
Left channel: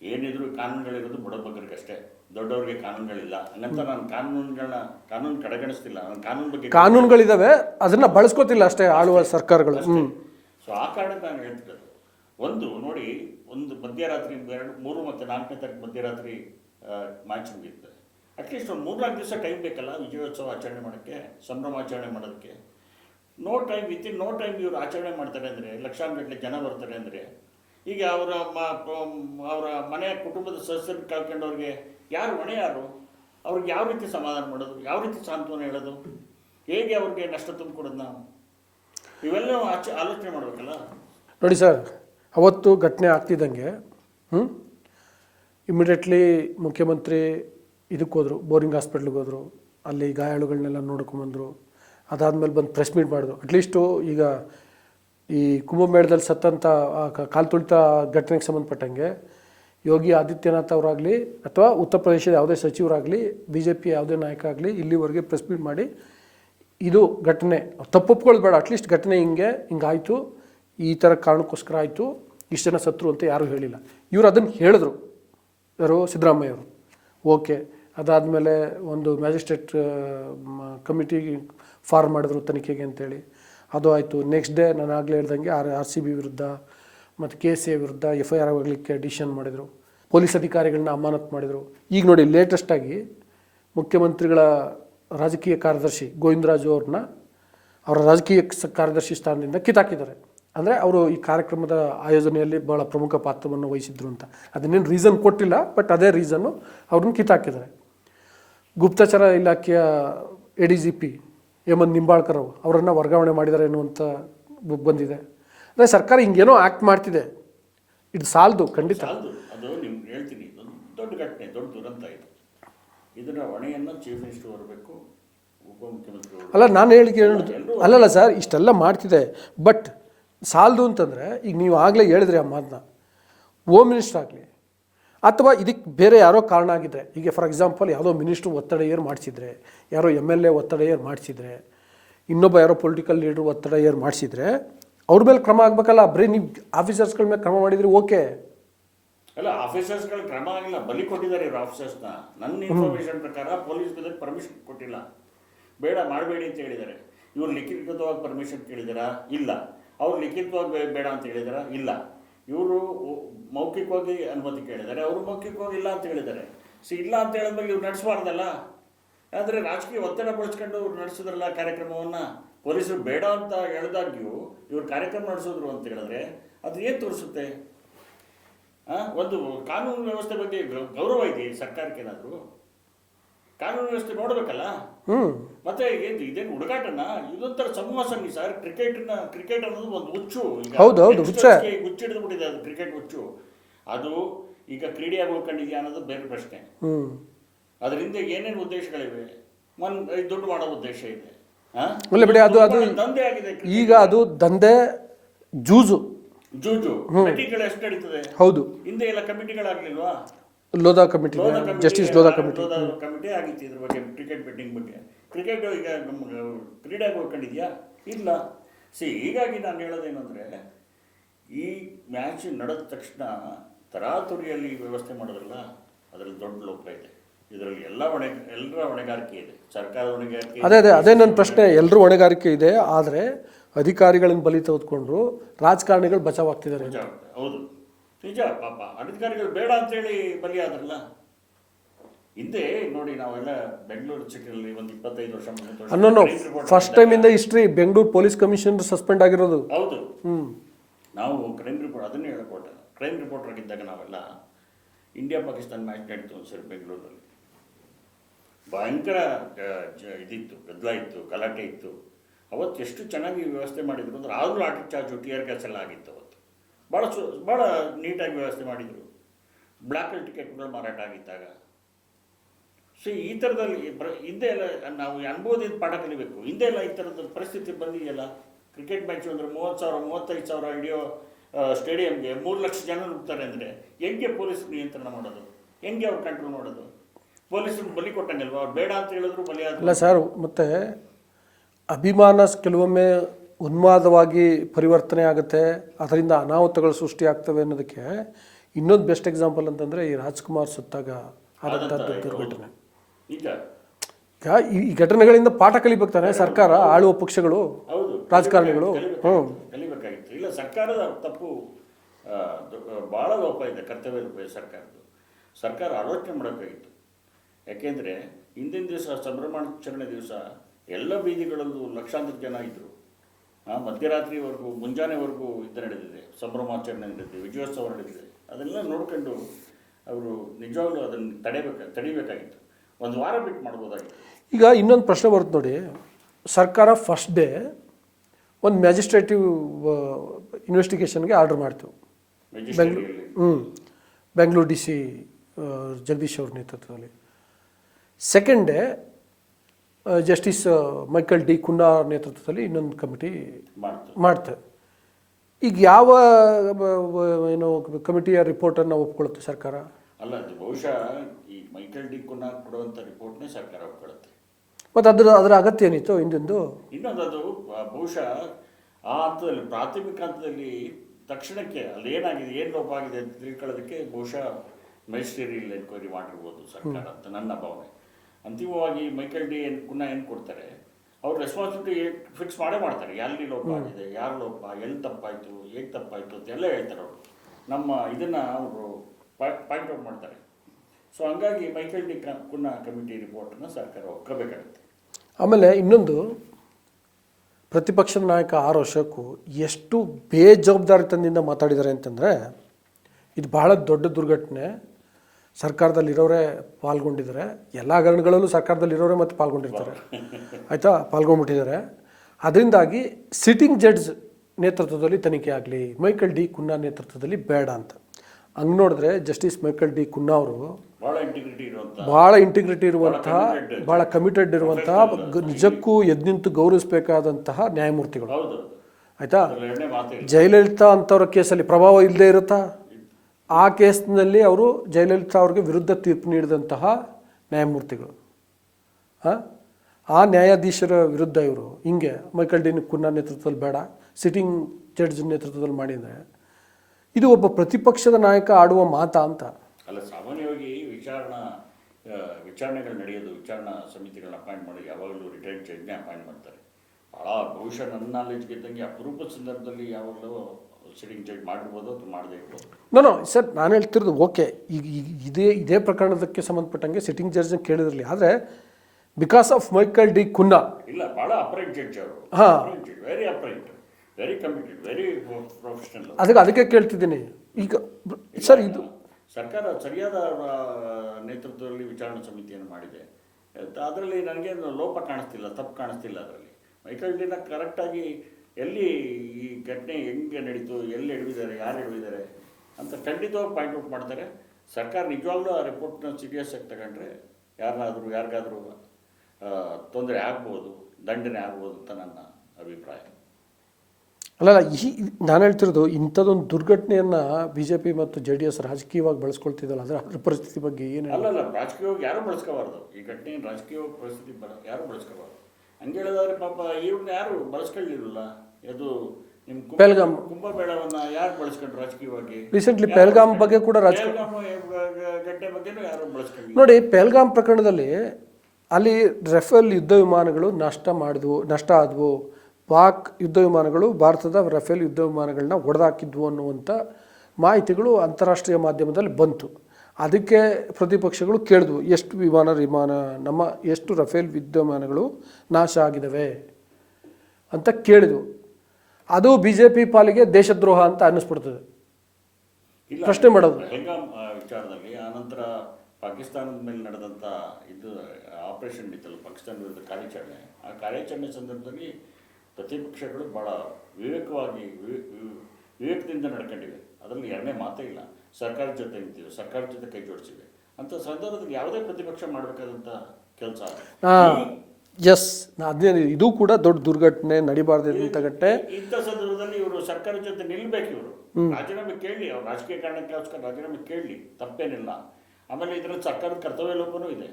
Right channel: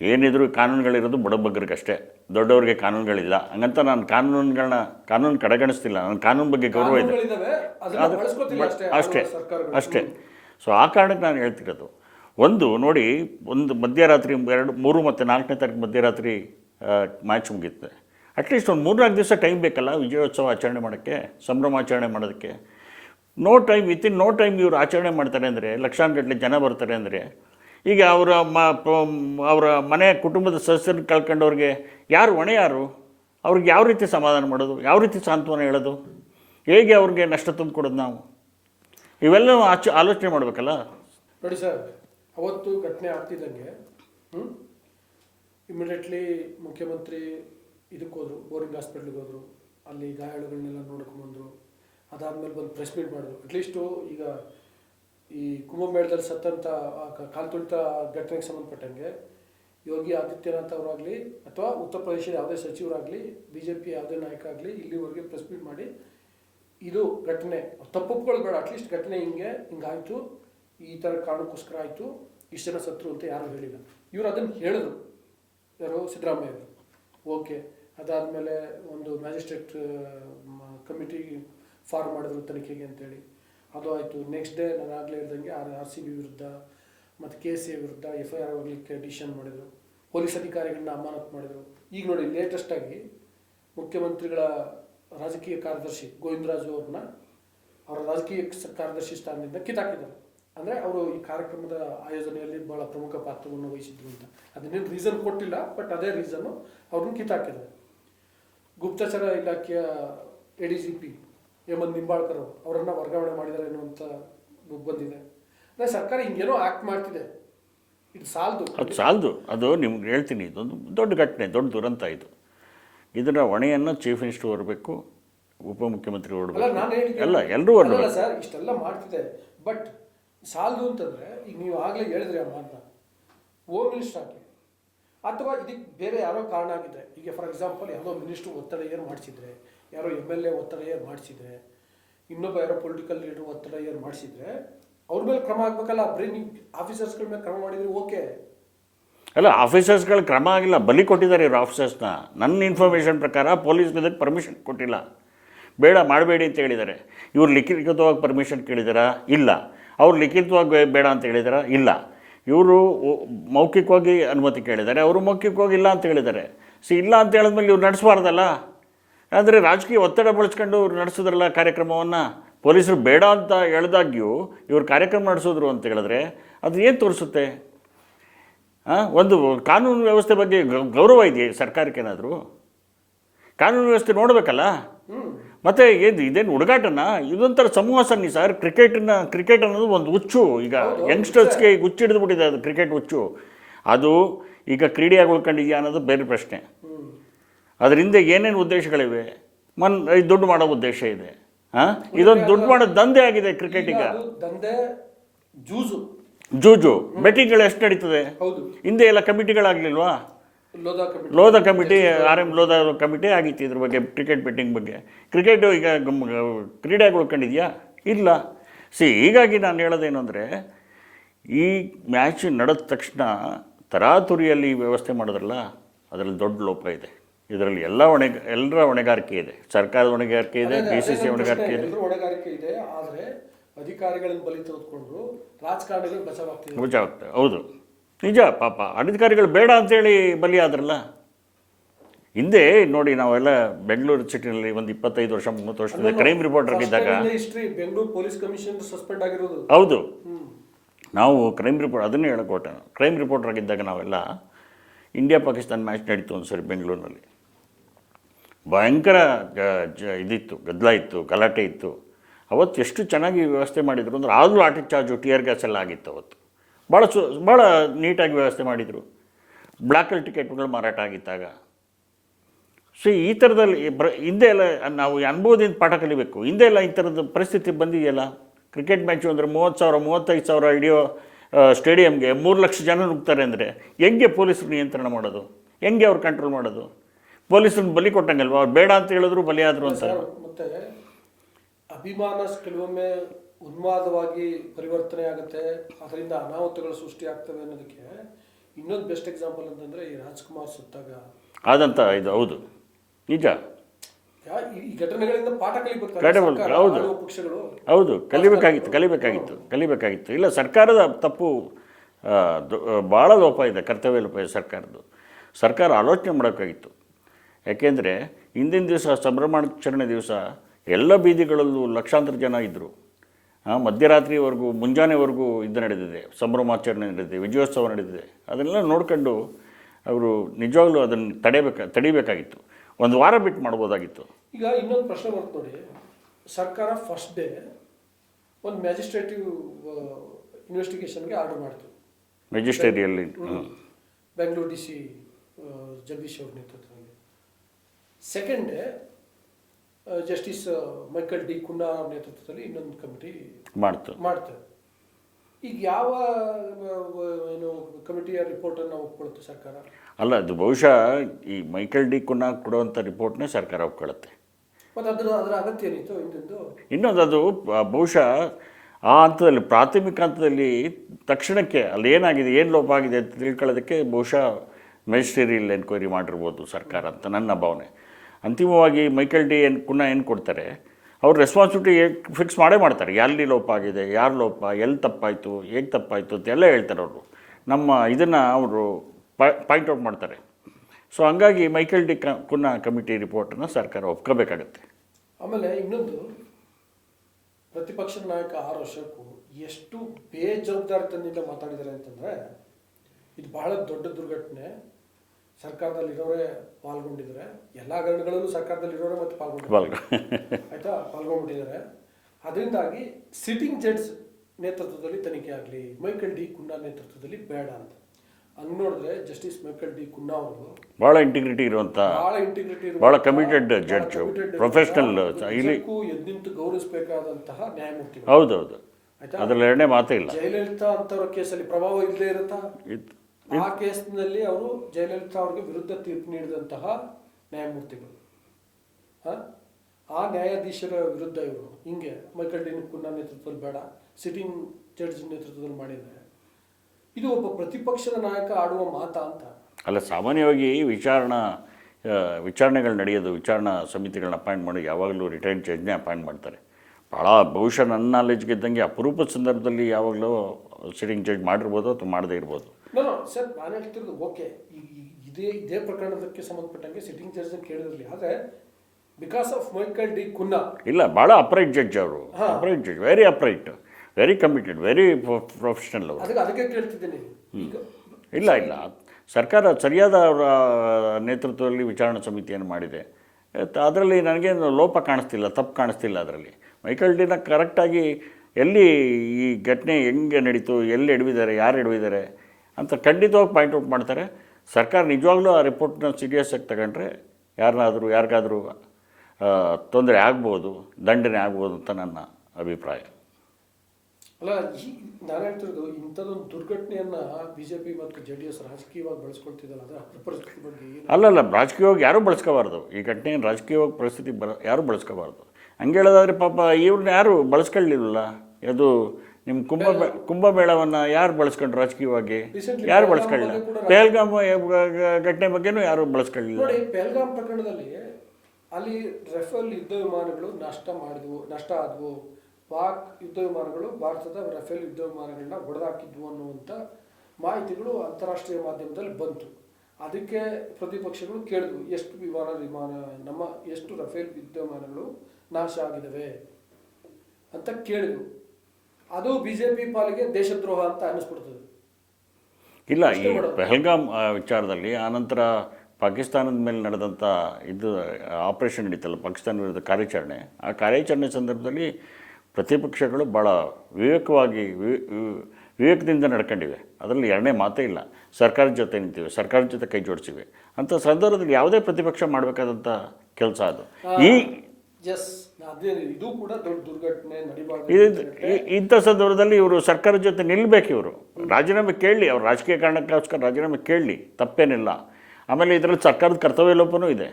ಏನಿದ್ರು ಕಾನೂನುಗಳಿರೋದು ಬಡಬಗ್ಗರಿಗಷ್ಟೇ. ದೊಡ್ಡವ್ರಿಗೆ ಕಾನೂನುಗಳಿಲ್ಲ. ಹಂಗಂತ ನಾನು ಕಾನೂನುಗಳನ್ನ ಕಾನೂನು ಕಡೆಗಣಿಸ್ತಿಲ್ಲ. ನಾನು ಕಾನೂನು ಬಗ್ಗೆ ಕಾನೂನುಗಳಿದಾವೆ ಅದನ್ನ ಬಳಸ್ಕೋತಿಲ್ಲ ಅಷ್ಟೇ ಆಳುವ ಸರ್ಕಾರಗಳು. ಅಷ್ಟೇ. ಸೊ ಆ ಕಾರಣಕ್ಕೆ ನಾನು ಹೇಳ್ತಿರೋದು. ಒಂದು ನೋಡಿ ಒಂದು ಮಧ್ಯರಾತ್ರಿ ಎರಡು ಮೂರು ಮತ್ತು ನಾಲ್ಕನೇ ತಾರೀಕು ಮಧ್ಯರಾತ್ರಿ ಮ್ಯಾಚ್ ಮುಗಿತದೆ ಅಟ್ಲೀಸ್ಟ್ ಒಂದು ಮೂರ್ನಾಲ್ಕು ದಿವಸ ಟೈಮ್ ಬೇಕಲ್ಲ ವಿಜಯೋತ್ಸವ ಆಚರಣೆ ಮಾಡೋಕ್ಕೆ ಸಂಭ್ರಮಾಚರಣೆ ಮಾಡೋದಕ್ಕೆ. No time within no time ಇವರು ಆಚರಣೆ ಮಾಡ್ತಾರೆ ಅಂದರೆ ಲಕ್ಷಾನುಗಟ್ಟಲೆ ಜನ ಬರ್ತಾರೆ ಅಂದರೆ ಈಗ ಅವರ ಮ ಅವರ ಮನೆ ಕುಟುಂಬದ ಸದಸ್ಯರನ್ನ ಕಳ್ಕೊಂಡವ್ರಿಗೆ ಯಾರು ಹೊಣೆ ಯಾರು? ಅವ್ರಿಗೆ ಯಾವ ರೀತಿ ಸಮಾಧಾನ ಮಾಡೋದು? ಯಾವ ರೀತಿ ಸಾಂತ್ವನ ಹೇಳೋದು? ಹೇಗೆ ಅವ್ರಿಗೆ ನಷ್ಟ ತುಂಬಿಕೊಡೋದು ನಾವು? ಇವೆಲ್ಲ ಆಚ, ಆಲೋಚನೆ ಮಾಡಬೇಕಲ್ಲ? ನೋಡಿ ಸರ್, ಅವತ್ತು ಘಟನೆ ಆಗ್ತಿದ್ದಂಗೆ ಹ್ಞೂ ಇಮಿಡಿಯೇಟ್ಲಿ ಮುಖ್ಯಮಂತ್ರಿ ಇದಕ್ಕೆ ಹೋದರು, ಬೋರಿಂಗ್ ಹಾಸ್ಪಿಟ್ಲಿಗೆ ಹೋದರು, ಅಲ್ಲಿ ಗಾಯಾಳುಗಳನ್ನೆಲ್ಲ ನೋಡ್ಕೊಂಡ್ಬಂದರು ಅದಾದಮೇಲೆ ಬಂದು ಪ್ರೆಸ್ ಮೀಟ್ ಮಾಡಿದ್ರು. ಅಟ್ಲೀಸ್ಟು ಈಗ ಈ ಕುಂಭಮೇಳದಲ್ಲಿ ಸತ್ತಂಥ ಕಾಲು ತುಳಿತ ಘಟನೆಗೆ ಸಂಬಂಧಪಟ್ಟಂಗೆ ಯೋಗಿ ಆದಿತ್ಯನಾಥ್ ಅವರಾಗಲಿ ಅಥವಾ ಉತ್ತರ ಪ್ರದೇಶದ ಯಾವುದೇ ಸಚಿವರಾಗಲಿ ಬಿ ಜೆ ಪಿ ಯಾವುದೇ ನಾಯಕ ಆಗಲಿ ಇಲ್ಲಿವರೆಗೆ ಪ್ರೆಸ್ ಮೀಟ್ ಮಾಡಿ ಇದು ಘಟನೆ. ತಪ್ಪೊಪ್ಕೊಳ್ಬೇಡ ಬೇಡ, ಅಟ್ಲೀಸ್ಟ್ ಘಟನೆ ಹಿಂಗೆ ಹಿಂಗಾಯಿತು ಈ ಥರ ಕಾರಣಕ್ಕೋಸ್ಕರ ಆಯಿತು, ಇಷ್ಟು ಜನ ಸತ್ರು ಅಂತ ಯಾರೂ ಹೇಳಿಲ್ಲ. ಇವರು ಅದನ್ನು ಹೇಳಿದ್ರು ಯಾರು ಸಿದ್ದರಾಮಯ್ಯ ಅವರು. ಓಕೆ, ಅದಾದಮೇಲೆ ಒಂದು ಮ್ಯಾಜಿಸ್ಟ್ರೇಟ್ ಕಮಿಟಿ ಫಾರ್ಮ್ ಮಾಡಿದ್ರು ತನಿಖೆಗೆ ಅಂತೇಳಿ. ಅದು ಆಯಿತು. ನೆಕ್ಸ್ಟ್ ಡೇ ನಾನು ಆಗಲೇ ಹೇಳ್ದಂಗೆ ಆರ್ ಆರ್ ಸಿ ಬಿ ವಿರುದ್ಧ ಮತ್ತು ಕೆ ಸಿ ಎ ವಿರುದ್ಧ ಎಫ್ ಐ ಆರ್ ಆಗಲಿಕ್ಕೆ ಡಿಸಿಷನ್ ಮಾಡಿದರು. ಪೊಲೀಸ್ ಅಧಿಕಾರಿಗಳನ್ನ ಅಮಾನತ್ ಮಾಡಿದರು. ಈಗ ನೋಡಿ ಲೇಟೆಸ್ಟಾಗಿ ಮುಖ್ಯಮಂತ್ರಿಗಳ ರಾಜಕೀಯ ಕಾರ್ಯದರ್ಶಿ ಗೋವಿಂದರಾಜು ಅವ್ರನ್ನ ಅವರ ರಾಜಕೀಯ ಕಾರ್ಯದರ್ಶಿ ಸ್ಥಾನದಿಂದ ಕಿತ್ತಾಕಿದ್ದಾರೆ. ಅಂದರೆ ಅವರು ಈ ಕಾರ್ಯಕ್ರಮದ ಆಯೋಜನೆಯಲ್ಲಿ ಭಾಳ ಪ್ರಮುಖ ಪಾತ್ರವನ್ನು ವಹಿಸಿದ್ರು ಅಂತ. ಅದನ್ನೇನು ರೀಸನ್ ಕೊಟ್ಟಿಲ್ಲ ಬಟ್ ಅದೇ ರೀಸನ್ನು ಅವ್ರನ್ನ ಕಿತ್ತಾಕಿದ್ದಾರೆ. ಗುಪ್ತಚರ ಇಲಾಖೆಯ A D G P Hemant Nimbalkar ಅವರು ಅವರನ್ನು ವರ್ಗಾವಣೆ ಮಾಡಿದ್ದಾರೆ ಎನ್ನುವಂಥ ಬುಕ್ ಬಂದಿದೆ. ಅಂದರೆ ಸರ್ಕಾರ ಹಿಂಗೇನೋ ಆ್ಯಕ್ಟ್ ಮಾಡ್ತಿದೆ. ಇದು ಸಾಲದು ಖಂಡಿತ. ಸಾಲದು. ಅದು ನಿಮ್ಗೆ ಹೇಳ್ತೀನಿ ಇದೊಂದು ದೊಡ್ಡ ಘಟನೆ ದೊಡ್ಡ ದುರಂತ ಇದು. ಇದರ ಹೊಣೆಯನ್ನು ಚೀಫ್ ಮಿನಿಸ್ಟರ್ ಹೊರಬೇಕು ಉಪಮುಖ್ಯಮಂತ್ರಿಗಳು ಅಲ್ಲ ನಾನು ಹೇಳಿಕೆ ಎಲ್ಲರೂ ಅಲ್ಲಲ್ಲ ಸರ್ ಇಷ್ಟೆಲ್ಲ ಮಾಡ್ತಿದೆ. ಬಟ್ ಸಾಲದು ಅಂತಂದರೆ ಈಗ ನೀವು ಆಗಲೇ ಹೇಳಿದ್ರಿ ಆ ಮಾತನ್ನ ಹೋಮ್ ಮಿನಿಸ್ಟರ್ ಆಗಲಿ ಅಥವಾ ಇದಕ್ಕೆ ಬೇರೆ ಯಾರೋ ಕಾರಣ ಆಗಿದ್ರೆ ಈಗ ಫಾರ್ ಎಕ್ಸಾಂಪಲ್ ಯಾವುದೋ ಮಿನಿಸ್ಟ್ರು ಒತ್ತಡ ಏರ್ ಮಾಡಿಸಿದರೆ ಯಾರೋ ಎಂ ಎಲ್ ಎ ಒತ್ತಡ ಏರ್ ಮಾಡಿಸಿದ್ರೆ ಇನ್ನೊಬ್ಬ ಯಾರೋ ಪೊಲಿಟಿಕಲ್ ಲೀಡ್ರು ಒತ್ತಡ ಏರ್ ಮಾಡಿಸಿದ್ರೆ ಅವ್ರ ಮೇಲೆ ಕ್ರಮ ಆಗಬೇಕಲ್ಲ ಬರೀ ನೀವು ಆಫೀಸರ್ಸ್ಗಳ ಮೇಲೆ ಕ್ರಮ ಮಾಡಿದರೆ ಓಕೆ ಅಲ್ಲ ಆಫೀಸರ್ಸ್ಗಳು ಕ್ರಮ ಆಗಿಲ್ಲ ಬಲಿ ಕೊಟ್ಟಿದ್ದಾರೆ ಇವರು ಆಫೀಸರ್ಸ್ನ ನನ್ನ ಇನ್ಫಾರ್ಮೇಷನ್ ಪ್ರಕಾರ ಪೊಲೀಸ್ ಇದಕ್ಕೆ ಪರ್ಮಿಷನ್ ಕೊಟ್ಟಿಲ್ಲ. ಬೇಡ ಮಾಡಬೇಡಿ ಅಂತ ಹೇಳಿದ್ದಾರೆ. ಇವ್ರು ಲಿಖಿತವಾಗಿ ಪರ್ಮಿಷನ್ ಕೇಳಿದಾರಾ? ಇಲ್ಲ. ಅವ್ರು ಲಿಖಿತವಾಗಿ ಬೇಡ ಅಂತ ಹೇಳಿದಾರಾ? ಇಲ್ಲ. ಇವರು ಮೌಖಿಕವಾಗಿ ಅನುಮತಿ ಕೇಳಿದ್ದಾರೆ, ಅವರು ಮೌಖಿಕವಾಗಿ ಇಲ್ಲ ಅಂತ ಹೇಳಿದ್ದಾರೆ. ಸಿ, ಇಲ್ಲ ಅಂತ ಹೇಳಿದ್ಮೇಲೆ ಇವ್ರು ನಡೆಸಬಾರ್ದಲ್ಲ? ಅಂದರೆ ರಾಜಕೀಯ ಒತ್ತಡ ಬಳಸ್ಕೊಂಡು ಇವ್ರು ನಡೆಸಿದ್ರಲ್ಲ ಕಾರ್ಯಕ್ರಮವನ್ನು? ಪೊಲೀಸರು ಬೇಡ ಅಂತ ಹೇಳ್ದಾಗ್ಯೂ ಇವರು ಕಾರ್ಯಕ್ರಮ ನಡೆಸಿದ್ರು ಅಂತ ಹೇಳಿದ್ರೆ ಅದು ಏನು ತೋರಿಸುತ್ತೆ? ಒಂದು ಕಾನೂನು ವ್ಯವಸ್ಥೆ ಬಗ್ಗೆ ಗೌರವ ಇದೆಯೇ ಸರ್ಕಾರಕ್ಕೇನಾದರೂ? ಕಾನೂನು ವ್ಯವಸ್ಥೆ ನೋಡಬೇಕಲ್ಲ? ಮತ್ತೆ ಏನು ಇದೇನು ಹುಡುಗಾಟನ? ಇದೊಂಥರ ಸಮೂಹ ಸನ್ನಿ ಸರ್. ಕ್ರಿಕೆಟ್ನ ಕ್ರಿಕೆಟ್ ಅನ್ನೋದು ಒಂದು ಹುಚ್ಚು. ಈಗ ಯಂಗ್ಸ್ಟರ್ಸ್ಗೆ ಈಗ ಹುಚ್ಚು. ಹಿಡಿದ್ಬಿಟ್ಟಿದೆ ಅದು ಕ್ರಿಕೆಟ್ ಹುಚ್ಚು. ಅದು ಈಗ ಕ್ರೀಡೆಯಾಗಿ ಉಳ್ಕೊಂಡಿದ್ಯಾ ಅನ್ನೋದು ಬೇರೆ ಪ್ರಶ್ನೆ. ಅದ್ರ ಅದರಿಂದ ಏನೇನು ಉದ್ದೇಶಗಳಿವೆ? ಮನ್ ದುಡ್ಡು ಮಾಡೋ ಉದ್ದೇಶ ಇದೆ. ದಂಧೆ ಆಗಿದೆ ಕ್ರಿಕೆಟ್ ಈಗ ಅದು ದಂಧೆ ಜೂಜು. ಜೂಜು. ಬೆಟ್ಟಿಂಗ್ಗಳು ಎಷ್ಟು ನಡೀತದೆ? ಹೌದು. ಹಿಂದೆ ಎಲ್ಲ ಕಮಿಟಿಗಳಾಗ್ಲಿಲ್ವಾ? Lodha committee. Lodha committee R M Lodha committee ಆಗಿತ್ತು ಇದ್ರ ಬಗ್ಗೆ ಕ್ರಿಕೆಟ್ ಬೆಟ್ಟಿಂಗ್ ಬಗ್ಗೆ. ಕ್ರಿಕೆಟ್ ಈಗ ಕ್ರೀಡೆಗೆ ಉಳ್ಕೊಂಡಿದ್ಯಾ ಇಲ್ಲ. ಸಿ ಹೀಗಾಗಿ ನಾನು ಹೇಳೋದೇನು ಅಂದರೆ ಈ ಮ್ಯಾಚ್ ನಡೆದ ತಕ್ಷಣ ತರಾತುರಿಯಲ್ಲಿ ವ್ಯವಸ್ಥೆ ಮಾಡೋದ್ರಲ್ಲ ಅದರಲ್ಲಿ ದೊಡ್ಡ ಲೋಪ ಇದೆ. ಇದರಲ್ಲಿ ಎಲ್ಲ ಹೊಣೆ ಎಲ್ಲರ ಹೊಣೆಗಾರಿಕೆ ಇದೆ. ಸರ್ಕಾರದ ಹೊಣೆಗಾರಿಕೆ ಅದೇ ಇದೆ ಅದೇ ಅದೇ ನನ್ನ ಪ್ರಶ್ನೆ. ಎಲ್ಲರೂ ಹೊಣೆಗಾರಿಕೆ ಇದೆ ಆದರೆ ಅಧಿಕಾರಿಗಳನ್ನು ಬಲಿ ತೆಗೆದುಕೊಂಡ್ರು ರಾಜಕಾರಣಿಗಳು ಬಚಾವಾಗ್ತಿದ್ದಾರೆ ಬಚಾವಾಗ್ತದೆ ಹೌದು. ನಿಜ ಪಾಪ. ಅಧಿಕಾರಿಗಳು ಬೇಡ ಅಂತೇಳಿ ಬಲಿಯಾದ್ರಲ್ಲ? ಹಿಂದೆ ನೋಡಿ ನಾವೆಲ್ಲ ಬೆಂಗಳೂರು ಸಿಟಿನಲ್ಲಿ ಒಂದು ಇಪ್ಪತ್ತೈದು ವರ್ಷ ಮೂವತ್ತು ವರ್ಷ ಕ್ರೈಮ್ ರಿಪೋರ್ಟರ್ ಫಸ್ಟ್ ಟೈಮ್ ಇಂದ history Bengaluru police commission suspend ಆಗಿರೋದು. ಹೌದು. ನಾವು ಕ್ರೈಮ್ ರಿಪೋರ್ಟ್ ಅದನ್ನೇ ಹೇಳಕ್ ಹೊರಟೆ ನಾನು ಕ್ರೈಮ್ ರಿಪೋರ್ಟರ್ ಆಗಿದ್ದಾಗ ನಾವೆಲ್ಲ ಇಂಡಿಯಾ ಪಾಕಿಸ್ತಾನ ಮ್ಯಾಚ್ ನಡೀತು ಒಂದು ಸರಿ ಬೆಂಗಳೂರಿನಲ್ಲಿ. ಭಯಂಕರ ಇದಿತ್ತು ಗದ್ದಲ ಇತ್ತು ಗಲಾಟೆ ಇತ್ತು. ಅವತ್ತು ಎಷ್ಟು ಚೆನ್ನಾಗಿ ವ್ಯವಸ್ಥೆ ಮಾಡಿದ್ರು ಅಂದ್ರೆ ಆದರೂ ಆಟಿ ಚಾರ್ಜು ಟಿಯರ್ ಗ್ಯಾಸ್ ಎಲ್ಲ ಆಗಿತ್ತು ಅವತ್ತು. ಭಾಳ ಸು ಭಾಳ ನೀಟಾಗಿ ವ್ಯವಸ್ಥೆ ಮಾಡಿದರು. ಬ್ಲ್ಯಾಕಲ್ಲಿ ಟಿಕೆಟ್ಗಳು ಮಾರಾಟ ಆಗಿದ್ದಾಗ. ಸೊ ಈ ಥರದಲ್ಲಿ ಬ್ರ ಹಿಂದೆ ಎಲ್ಲ ನಾವು ಅನುಭವದಿಂದ ಪಾಠ ಕಲಿಬೇಕು. ಹಿಂದೆ ಎಲ್ಲ ಈ ಥರದ ಪರಿಸ್ಥಿತಿ ಬಂದಿದೆಯಲ್ಲ? ಕ್ರಿಕೆಟ್ ಮ್ಯಾಚು ಅಂದರೆ ಮೂವತ್ತು ಸಾವಿರ ಮೂವತ್ತೈದು ಸಾವಿರ ಹಿಡಿಯೋ ಸ್ಟೇಡಿಯಮ್ಗೆ ಮೂರು ಲಕ್ಷ ಜನ ನುಗ್ತಾರೆ ಅಂದರೆ ಹೆಂಗೆ ಪೊಲೀಸರು ನಿಯಂತ್ರಣ ಮಾಡೋದು? ಹೆಂಗೆ ಅವ್ರು ಕಂಟ್ರೋಲ್ ಮಾಡೋದು? ಪೊಲೀಸರನ್ನ ಬಲಿ ಕೊಟ್ಟಂಗಲ್ವ? ಅವ್ರು ಬೇಡ ಅಂತ ಹೇಳಿದ್ರು ಬಲಿ ಆದರು ಸರ್ ಮತ್ತೆ ಅಭಿಮಾನ ಕೆಲವೊಮ್ಮೆ ಉನ್ಮಾದವಾಗಿ ಪರಿವರ್ತನೆ ಆಗುತ್ತೆ. ಅದರಿಂದ ಅನಾಹುತಗಳು ಸೃಷ್ಟಿ ಆಗ್ತವೆ ಅನ್ನೋದಕ್ಕೆ ಇನ್ನೊಂದು ಬೆಸ್ಟ್ ಎಕ್ಸಾಂಪಲ್ ಅಂತಂದ್ರೆ ಈ ರಾಜ್ಕುಮಾರ್ ಸತ್ತಾಗ ಆದಂಥ ಇದು ಹೌದು. ನಿಜ. ಈಗ ಈ ಘಟನೆಗಳಿಂದ ಪಾಠ ಕಲಿಬೇಕು ತಾನೇ ಸರ್ಕಾರ ಆಳುವ ಪಕ್ಷಗಳು ಹೌದು. ಕಲಿಬೇಕಾಗಿತ್ತು ಕಲಿಬೇಕಾಗಿತ್ತು ಕಲಿಬೇಕಾಗಿತ್ತು. ಇಲ್ಲ ಸರ್ಕಾರದ ತಪ್ಪು ಭಾಳ ಲೋಪ ಇದೆ ಕರ್ತವ್ಯ ಲೋಪ ಇದೆ ಸರ್ಕಾರದ್ದು. ಸರ್ಕಾರ ಆಲೋಚನೆ ಮಾಡೋಕ್ಕಾಗಿತ್ತು. ಯಾಕೆಂದರೆ ಇಂದಿನ ದಿವಸ ಸಂಭ್ರಮಾಚರಣೆ ದಿವಸ ಎಲ್ಲ ಬೀದಿಗಳಲ್ಲೂ ಲಕ್ಷಾಂತರ ಜನ ಇದ್ದರು ಮಧ್ಯರಾತ್ರಿವರೆಗೂ ಮುಂಜಾನೆವರೆಗೂ ಇದು ನಡೆದಿದೆ ಸಂಭ್ರಮಾಚರಣೆ ನಡೆದಿದೆ ವಿಜಯೋತ್ಸವ ನಡೆದಿದೆ. ಅದನ್ನೆಲ್ಲ ನೋಡ್ಕೊಂಡು ಅವರು ನಿಜವಾಗ್ಲೂ ಅದನ್ನು ತಡೆಯಬೇಕ ತಡಿಬೇಕಾಗಿತ್ತು. ಒಂದು ವಾರ ಬಿಟ್ಟು ಮಾಡ್ಬೋದಾಗಿತ್ತು. ಈಗ ಇನ್ನೊಂದು ಪ್ರಶ್ನೆ ಬರುತ್ತೆ ನೋಡಿ. ಸರ್ಕಾರ ಫಸ್ಟ್ ಡೇ ಒಂದು ಮ್ಯಾಜಿಸ್ಟ್ರೇಟಿವ್ ಇನ್ವೆಸ್ಟಿಗೇಷನ್ಗೆ ಆರ್ಡರ್ ಮಾಡ್ತು. ಮ್ಯಾಜಿಸ್ಟ್ರೇಟಿಯಲ್ಲಿ ಬೆಂಗಳೂರು ಡಿ ಸಿ ಜಗದೀಶ್ ಅವ್ರ ನೇತೃತ್ವದಲ್ಲಿ. Second day justice Michael D Cunha ನೇತೃತ್ವದಲ್ಲಿ ಇನ್ನೊಂದು ಕಮಿಟಿ ಮಾಡ್ತಾರೆ. ಮಾಡ್ತೇವೆ ಈಗ ಯಾವ ಏನು ಕಮಿಟಿಯ ರಿಪೋರ್ಟನ್ನು ಒಪ್ಕೊಳ್ಳುತ್ತೆ ಸರ್ಕಾರ? ಅಲ್ಲ ಅದು ಬಹುಶಃ ಈ ಮೈಕಲ್ ಡಿ ಕುನ್ನಾ ಕೊಡುವಂಥ ರಿಪೋರ್ಟ್ನೇ ಸರ್ಕಾರ ಒಪ್ಕೊಳ್ಳುತ್ತೆ ಮತ್ತು ಅದರ ಅದರ ಅಗತ್ಯ ಏನಿತ್ತು ಇನ್ನೊಂದು ಇನ್ನೊಂದು ಅದು ಬಹುಶಃ ಆ ಹಂತದಲ್ಲಿ ಪ್ರಾಥಮಿಕ ಹಂತದಲ್ಲಿ ತಕ್ಷಣಕ್ಕೆ ಅಲ್ಲಿ ಏನಾಗಿದೆ ಏನು ಲೋಪ ಆಗಿದೆ ಅಂತ ತಿಳ್ಕೊಳ್ಳೋದಕ್ಕೆ ಬಹುಶಃ ಮೆಜಿಸ್ಟ್ರೇರಿಯಲ್ ಎನ್ಕ್ವೈರಿ ಮಾಡಿರ್ಬೋದು ಸರ್ಕಾರ ಅಂತ ನನ್ನ ಭಾವನೆ. ಅಂತಿಮವಾಗಿ ಮೈಕಲ್ ಡಿ ಏನು ಕುನ್ನ ಏನು ಕೊಡ್ತಾರೆ? ಅವ್ರು ರೆಸ್ಪಾನ್ಸಿಬಿಲಿಟಿ ಫಿಕ್ಸ್ ಮಾಡೇ ಮಾಡ್ತಾರೆ. ಎಲ್ಲಿ ಲೋಪ ಆಗಿದೆ ಯಾರು ಲೋಪ, ಎಲ್ಲಿ ತಪ್ಪಾಯಿತು, ಹೇಗೆ ತಪ್ಪಾಯಿತು ಅಂತೆಲ್ಲ ಹೇಳ್ತಾರೆ ಅವರು. ನಮ್ಮ ಇದನ್ನು ಅವರು ಪಾಯಿಂಟ್ ಔಟ್ ಮಾಡ್ತಾರೆ. ಸೊ ಹಂಗಾಗಿ ಮೈಕಲ್ ಡಿ ಕ, ಕುನ್ನ ಕಮಿಟಿ ರಿಪೋರ್ಟನ್ನು ಸರ್ಕಾರ ಒಪ್ಕೋಬೇಕಾಗತ್ತೆ. ಆಮೇಲೆ ಇನ್ನೊಂದು, ಪ್ರತಿಪಕ್ಷದ ನಾಯಕ ಆರ್ ವರ್ಷಕ್ಕೂ ಎಷ್ಟು ಬೇಜವಾಬ್ದಾರಿತನದಿಂದ ಮಾತಾಡಿದ್ದಾರೆ ಅಂತಂದರೆ, ಇದು ಭಾಳ ದೊಡ್ಡ ದುರ್ಘಟನೆ. ಸರ್ಕಾರದಲ್ಲಿರೋರೇ ಪಾಲ್ಗೊಂಡಿದ್ದಾರೆ. ಎಲ್ಲ ಹಗರಣಗಳಲ್ಲೂ ಸರ್ಕಾರದಲ್ಲಿರೋರೇ ಮತ್ತೆ ಪಾಲ್ಗೊಂಡಿದ್ದಾರೆ ಆಯಿತಾ? ಪಾಲ್ಗೊಂಡ್ಬಿಟ್ಟಿದ್ದಾರೆ. ಅದರಿಂದಾಗಿ ಸಿಟ್ಟಿಂಗ್ ಜಡ್ಜ್ ನೇತೃತ್ವದಲ್ಲಿ ತನಿಖೆ ಆಗಲಿ ಮೈಕಲ್ ಡಿ ಕುನ್ನಾ ನೇತೃತ್ವದಲ್ಲಿ ಬೇಡ ಅಂತ. ಹಂಗೆ ನೋಡಿದ್ರೆ ಜಸ್ಟಿಸ್ ಮೈಕಲ್ ಡಿ ಕುನ್ನಾ ಅವರು ಭಾಳ ಇಂಟಿಗ್ರಿಟಿ ಇರುವಂಥ ಬಹಳ ಇಂಟಿಗ್ರಿಟಿ ಇರುವ ಬಹಳ ಕಮಿಟೆಡ್ ನಿಜಕ್ಕೂ ಎದ್ದು ನಿಂತು ಗೌರವಿಸಬೇಕಾದಂತಹ ನ್ಯಾಯಮೂರ್ತಿಗಳು. ಹೌದೌದು. ಆಯ್ತಾ? ಜಯಲಲಿತಾ ಅಂತವ್ರ ಕೇಸಲ್ಲಿ ಪ್ರಭಾವ ಇಲ್ಲದೆ ಇರುತ್ತಾ? ಆ ಕೇಸ್ನಲ್ಲಿ ಅವರು ಜಯಲಲಿತಾ ಅವ್ರಿಗೆ ವಿರುದ್ಧ ತೀರ್ಪು ನೀಡಿದಂತಹ ನ್ಯಾಯಮೂರ್ತಿಗಳು. ಆ? ಆ ನ್ಯಾಯಾಧೀಶರ ವಿರುದ್ಧ ಇವರು. ಹಿಂಗೆ ಮೈಕಲ್ ಡಿನ್ ಕುನ್ನಾ ನೇತೃತ್ವದಲ್ಲಿ ಬೇಡ, ಸಿಟ್ಟಿಂಗ್ ಜಡ್ಜ್ ನೇತೃತ್ವದಲ್ಲಿ ಮಾಡಿದರೆ. ಇದು ಒಬ್ಬ ಪ್ರತಿಪಕ್ಷದ ನಾಯಕ ಆಡುವ ಮಾತಾ ಅಂತ. ಅಲ್ಲ, ಸಾಮಾನ್ಯವಾಗಿ ವಿಚಾರಣಾ ವಿಚಾರಣೆಗಳು ನಡೆಯೋದು, ವಿಚಾರಣಾ ಸಮಿತಿಗಳನ್ನ ಅಪಾಯಿಂಟ್ ಮಾಡಿ ಯಾವಾಗಲೂ ರಿಟೈರ್ಡ್ ಜಡ್ಜ್ನೇ ಅಪಾಯಿಂಟ್ ಮಾಡ್ತಾರೆ. ಭಾಳ ಬಹುಶಃ ನನ್ನ ನಾಲೆಜ್ಗೆ ಇದ್ದಂಗೆ ಅಪರೂಪದ ಸಂದರ್ಭದಲ್ಲಿ ಯಾವಾಗಲೂ ಸಿಟ್ಟಿಂಗ್ ಜಡ್ಜ್ ಮಾಡಿರ್ಬೋದು ಅಥವಾ ಮಾಡದೇ ಇರ್ಬೋದು? ನಾನು ಸರ್ ನಾನು ಹೇಳ್ತಿರೋದು ಓಕೆ ಈಗ ಈಗ ಇದೇ ಇದೇ ಪ್ರಕರಣದಕ್ಕೆ ಸಂಬಂಧಪಟ್ಟಂಗೆ ಸಿಟ್ಟಿಂಗ್ ಜಡ್ಜ್ನ ಕೇಳಿರಲಿ ಆದರೆ because of Michael D Cunha ಇಲ್ಲ ಭಾಳ ಅಪ್ರೈಟ್ ಜಡ್ಜ್ ಅವರು. Upright judge very upright very committed very professional ಅದಕ್ಕೆ ಅದಕ್ಕೆ ಕೇಳ್ತಿದ್ದೀನಿ. ಈಗ ಇಲ್ಲ ಇಲ್ಲ. ಸರ್ಕಾರ ಸರಿಯಾದ ಅವರ ನೇತೃತ್ವದಲ್ಲಿ ವಿಚಾರಣಾ ಸಮಿತಿಯನ್ನು ಮಾಡಿದೆ. ಅದರಲ್ಲಿ ನನಗೇನು ಲೋಪ ಕಾಣಿಸ್ತಿಲ್ಲ ತಪ್ಪು ಕಾಣಿಸ್ತಿಲ್ಲ ಅದರಲ್ಲಿ. ಮೈಕಲ್ ಡಿನ ಕರೆಕ್ಟಾಗಿ ಎಲ್ಲಿ ಈ ಘಟನೆ ಹೆಂಗೆ ನಡೀತು ಎಲ್ಲಿ ಎಡವಿದ್ದಾರೆ ಯಾರು ಎಡವಿದ್ದಾರೆ ಅಂತ ಖಂಡಿತವಾಗಿ ಪಾಯಿಂಟ್ ಔಟ್ ಮಾಡ್ತಾರೆ. ಸರ್ಕಾರ ನಿಜವಾಗ್ಲೂ ಆ ರಿಪೋರ್ಟ್ನ ಸೀರಿಯಸ್ ಆಗಿ ತಗೊಂಡ್ರೆ ಯಾರನ್ನಾದರೂ ಯಾರಿಗಾದರೂ ತೊಂದರೆ ಆಗ್ಬೋದು ದಂಡನೆ ಆಗ್ಬೋದು ಅಂತ ನನ್ನ ಅಭಿಪ್ರಾಯ. ಅಲ್ಲಲ್ಲ ಈ ನಾನು ಹೇಳ್ತಿರೋದು ಇಂಥದ್ದೊಂದು ದುರ್ಘಟನೆಯನ್ನು ಬಿ ಜೆ ಪಿ ಮತ್ತು ಜೆ ಡಿ ಎಸ್ ರಾಜಕೀಯವಾಗಿ ಬಳಸ್ಕೊಳ್ತಿದ್ದಲ್ಲ ಅದರ ಅದ್ರ ಪರಿಸ್ಥಿತಿ ಬಗ್ಗೆ ಏನು ಅಲ್ಲಲ್ಲ ರಾಜಕೀಯವಾಗಿ ಯಾರೂ ಬಳಸ್ಕೋಬಾರ್ದು. ಈ ಘಟನೆಯನ್ನು ರಾಜಕೀಯವಾಗಿ ಪರಿಸ್ಥಿತಿ ಬ ಯಾರೂ ಬಳಸ್ಕೋಬಾರ್ದು. ಹಂಗೆ ಹೇಳೋದಾದ್ರೆ ಪಾಪ ಇವ್ರನ್ನ ಯಾರು ಬಳಸ್ಕೊಳ್ಳಿಲ್ವಲ್ಲ ಅದು ನಿಮ್ಮ ಕುಂಭ ಕುಂಭಮೇಳವನ್ನು ಯಾರು ಬಳಸ್ಕೊಂಡ್ರು ರಾಜಕೀಯವಾಗಿ? ರೀಸೆಂಟ್ಲಿ ಪೆಹಲ್ಗಾಮ್ ಬಗ್ಗೆ ಕೂಡ ಪೆಹಲ್ಗಾಮ್ ಘಟನೆ ಬಗ್ಗೆನೂ ಯಾರು ಬಳಸ್ಕೊಳ್ಳಿ ನೋಡಿ ಪೆಹಲ್ಗಾಮ್ ಪ್ರಕರಣದಲ್ಲಿ ಅಲ್ಲಿ ರಫೇಲ್ ಯುದ್ಧ ವಿಮಾನಗಳು ನಷ್ಟ ಮಾಡಿದ್ವು ನಷ್ಟ ಆದವು. ಪಾಕ್ ಯುದ್ಧ ವಿಮಾನಗಳು ಭಾರತದ ರಫೇಲ್ ಯುದ್ಧ ವಿಮಾನಗಳನ್ನ ಒಡೆದಾಕಿದ್ವು ಅನ್ನುವಂಥ ಮಾಹಿತಿಗಳು ಅಂತಾರಾಷ್ಟ್ರೀಯ ಮಾಧ್ಯಮದಲ್ಲಿ ಬಂತು. ಅದಕ್ಕೆ ಪ್ರತಿಪಕ್ಷಗಳು ಕೇಳಿದ್ವು ಎಷ್ಟು ವಿಮಾನ ವಿಮಾನ ನಮ್ಮ ಎಷ್ಟು ರಫೇಲ್ ಯುದ್ಧ ವಿಮಾನಗಳು ನಾಶ ಆಗಿದ್ದಾವೆ ಅಂತ ಕೇಳಿದ್ವು. ಅದು ಬಿ ಜೆ ಪಿ ಪಾಲಿಗೆ ದೇಶದ್ರೋಹ ಅಂತ ಅನ್ನಿಸ್ಬಿಡ್ತದೆ. ಇಲ್ಲ ಅಷ್ಟೇ ಮಾಡೋದು. ಪೆಹಲ್ಗಾಮ್ ವಿಚಾರದಲ್ಲಿ ಆನಂತರ ಪಾಕಿಸ್ತಾನದ ಮೇಲೆ ನಡೆದಂಥ ಇದು ಆಪರೇಷನ್ ನಡೀತಲ್ಲ ಪಾಕಿಸ್ತಾನ ವಿರುದ್ಧ ಕಾರ್ಯಾಚರಣೆ. ಆ ಕಾರ್ಯಾಚರಣೆ ಸಂದರ್ಭದಲ್ಲಿ ಪ್ರತಿಪಕ್ಷಗಳು ಭಾಳ ವಿವೇಕವಾಗಿ ವಿವೇಕದಿಂದ ನಡ್ಕೊಂಡಿವೆ. ಅದರಲ್ಲಿ ಎರಡನೇ ಮಾತೇ ಇಲ್ಲ. ಸರ್ಕಾರದ ಜೊತೆ ನಿಂತಿವೆ ಸರ್ಕಾರದ ಜೊತೆ ಕೈ ಜೋಡಿಸಿವೆ. ಅಂಥ ಸಂದರ್ಭದಲ್ಲಿ ಯಾವುದೇ ಪ್ರತಿಪಕ್ಷ ಮಾಡಬೇಕಾದಂಥ ಕೆಲಸ ಅದು. ಈ ಎಸ್ ಅದೇ ಇದು ಕೂಡ ದೊಡ್ಡ ದುರ್ಘಟನೆ ನಡಿಬಾರ್ದು ಘಟನೆ ಇಂಥ ಸಂದರ್ಭದಲ್ಲಿ ಇವರು ಸರ್ಕಾರದ ಜೊತೆ ನಿಲ್ಲಬೇಕು ಇವರು. ರಾಜೀನಾಮೆ ಕೇಳಿ ಅವ್ರು ರಾಜಕೀಯ ಕಾರಣಕ್ಕೋಸ್ಕರ ರಾಜೀನಾಮೆ ಕೇಳಲಿ ತಪ್ಪೇನಿಲ್ಲ. ಆಮೇಲೆ ಇದರಲ್ಲಿ ಸರ್ಕಾರದ ಕರ್ತವ್ಯ ಲೋಪನೂ ಇದೆ.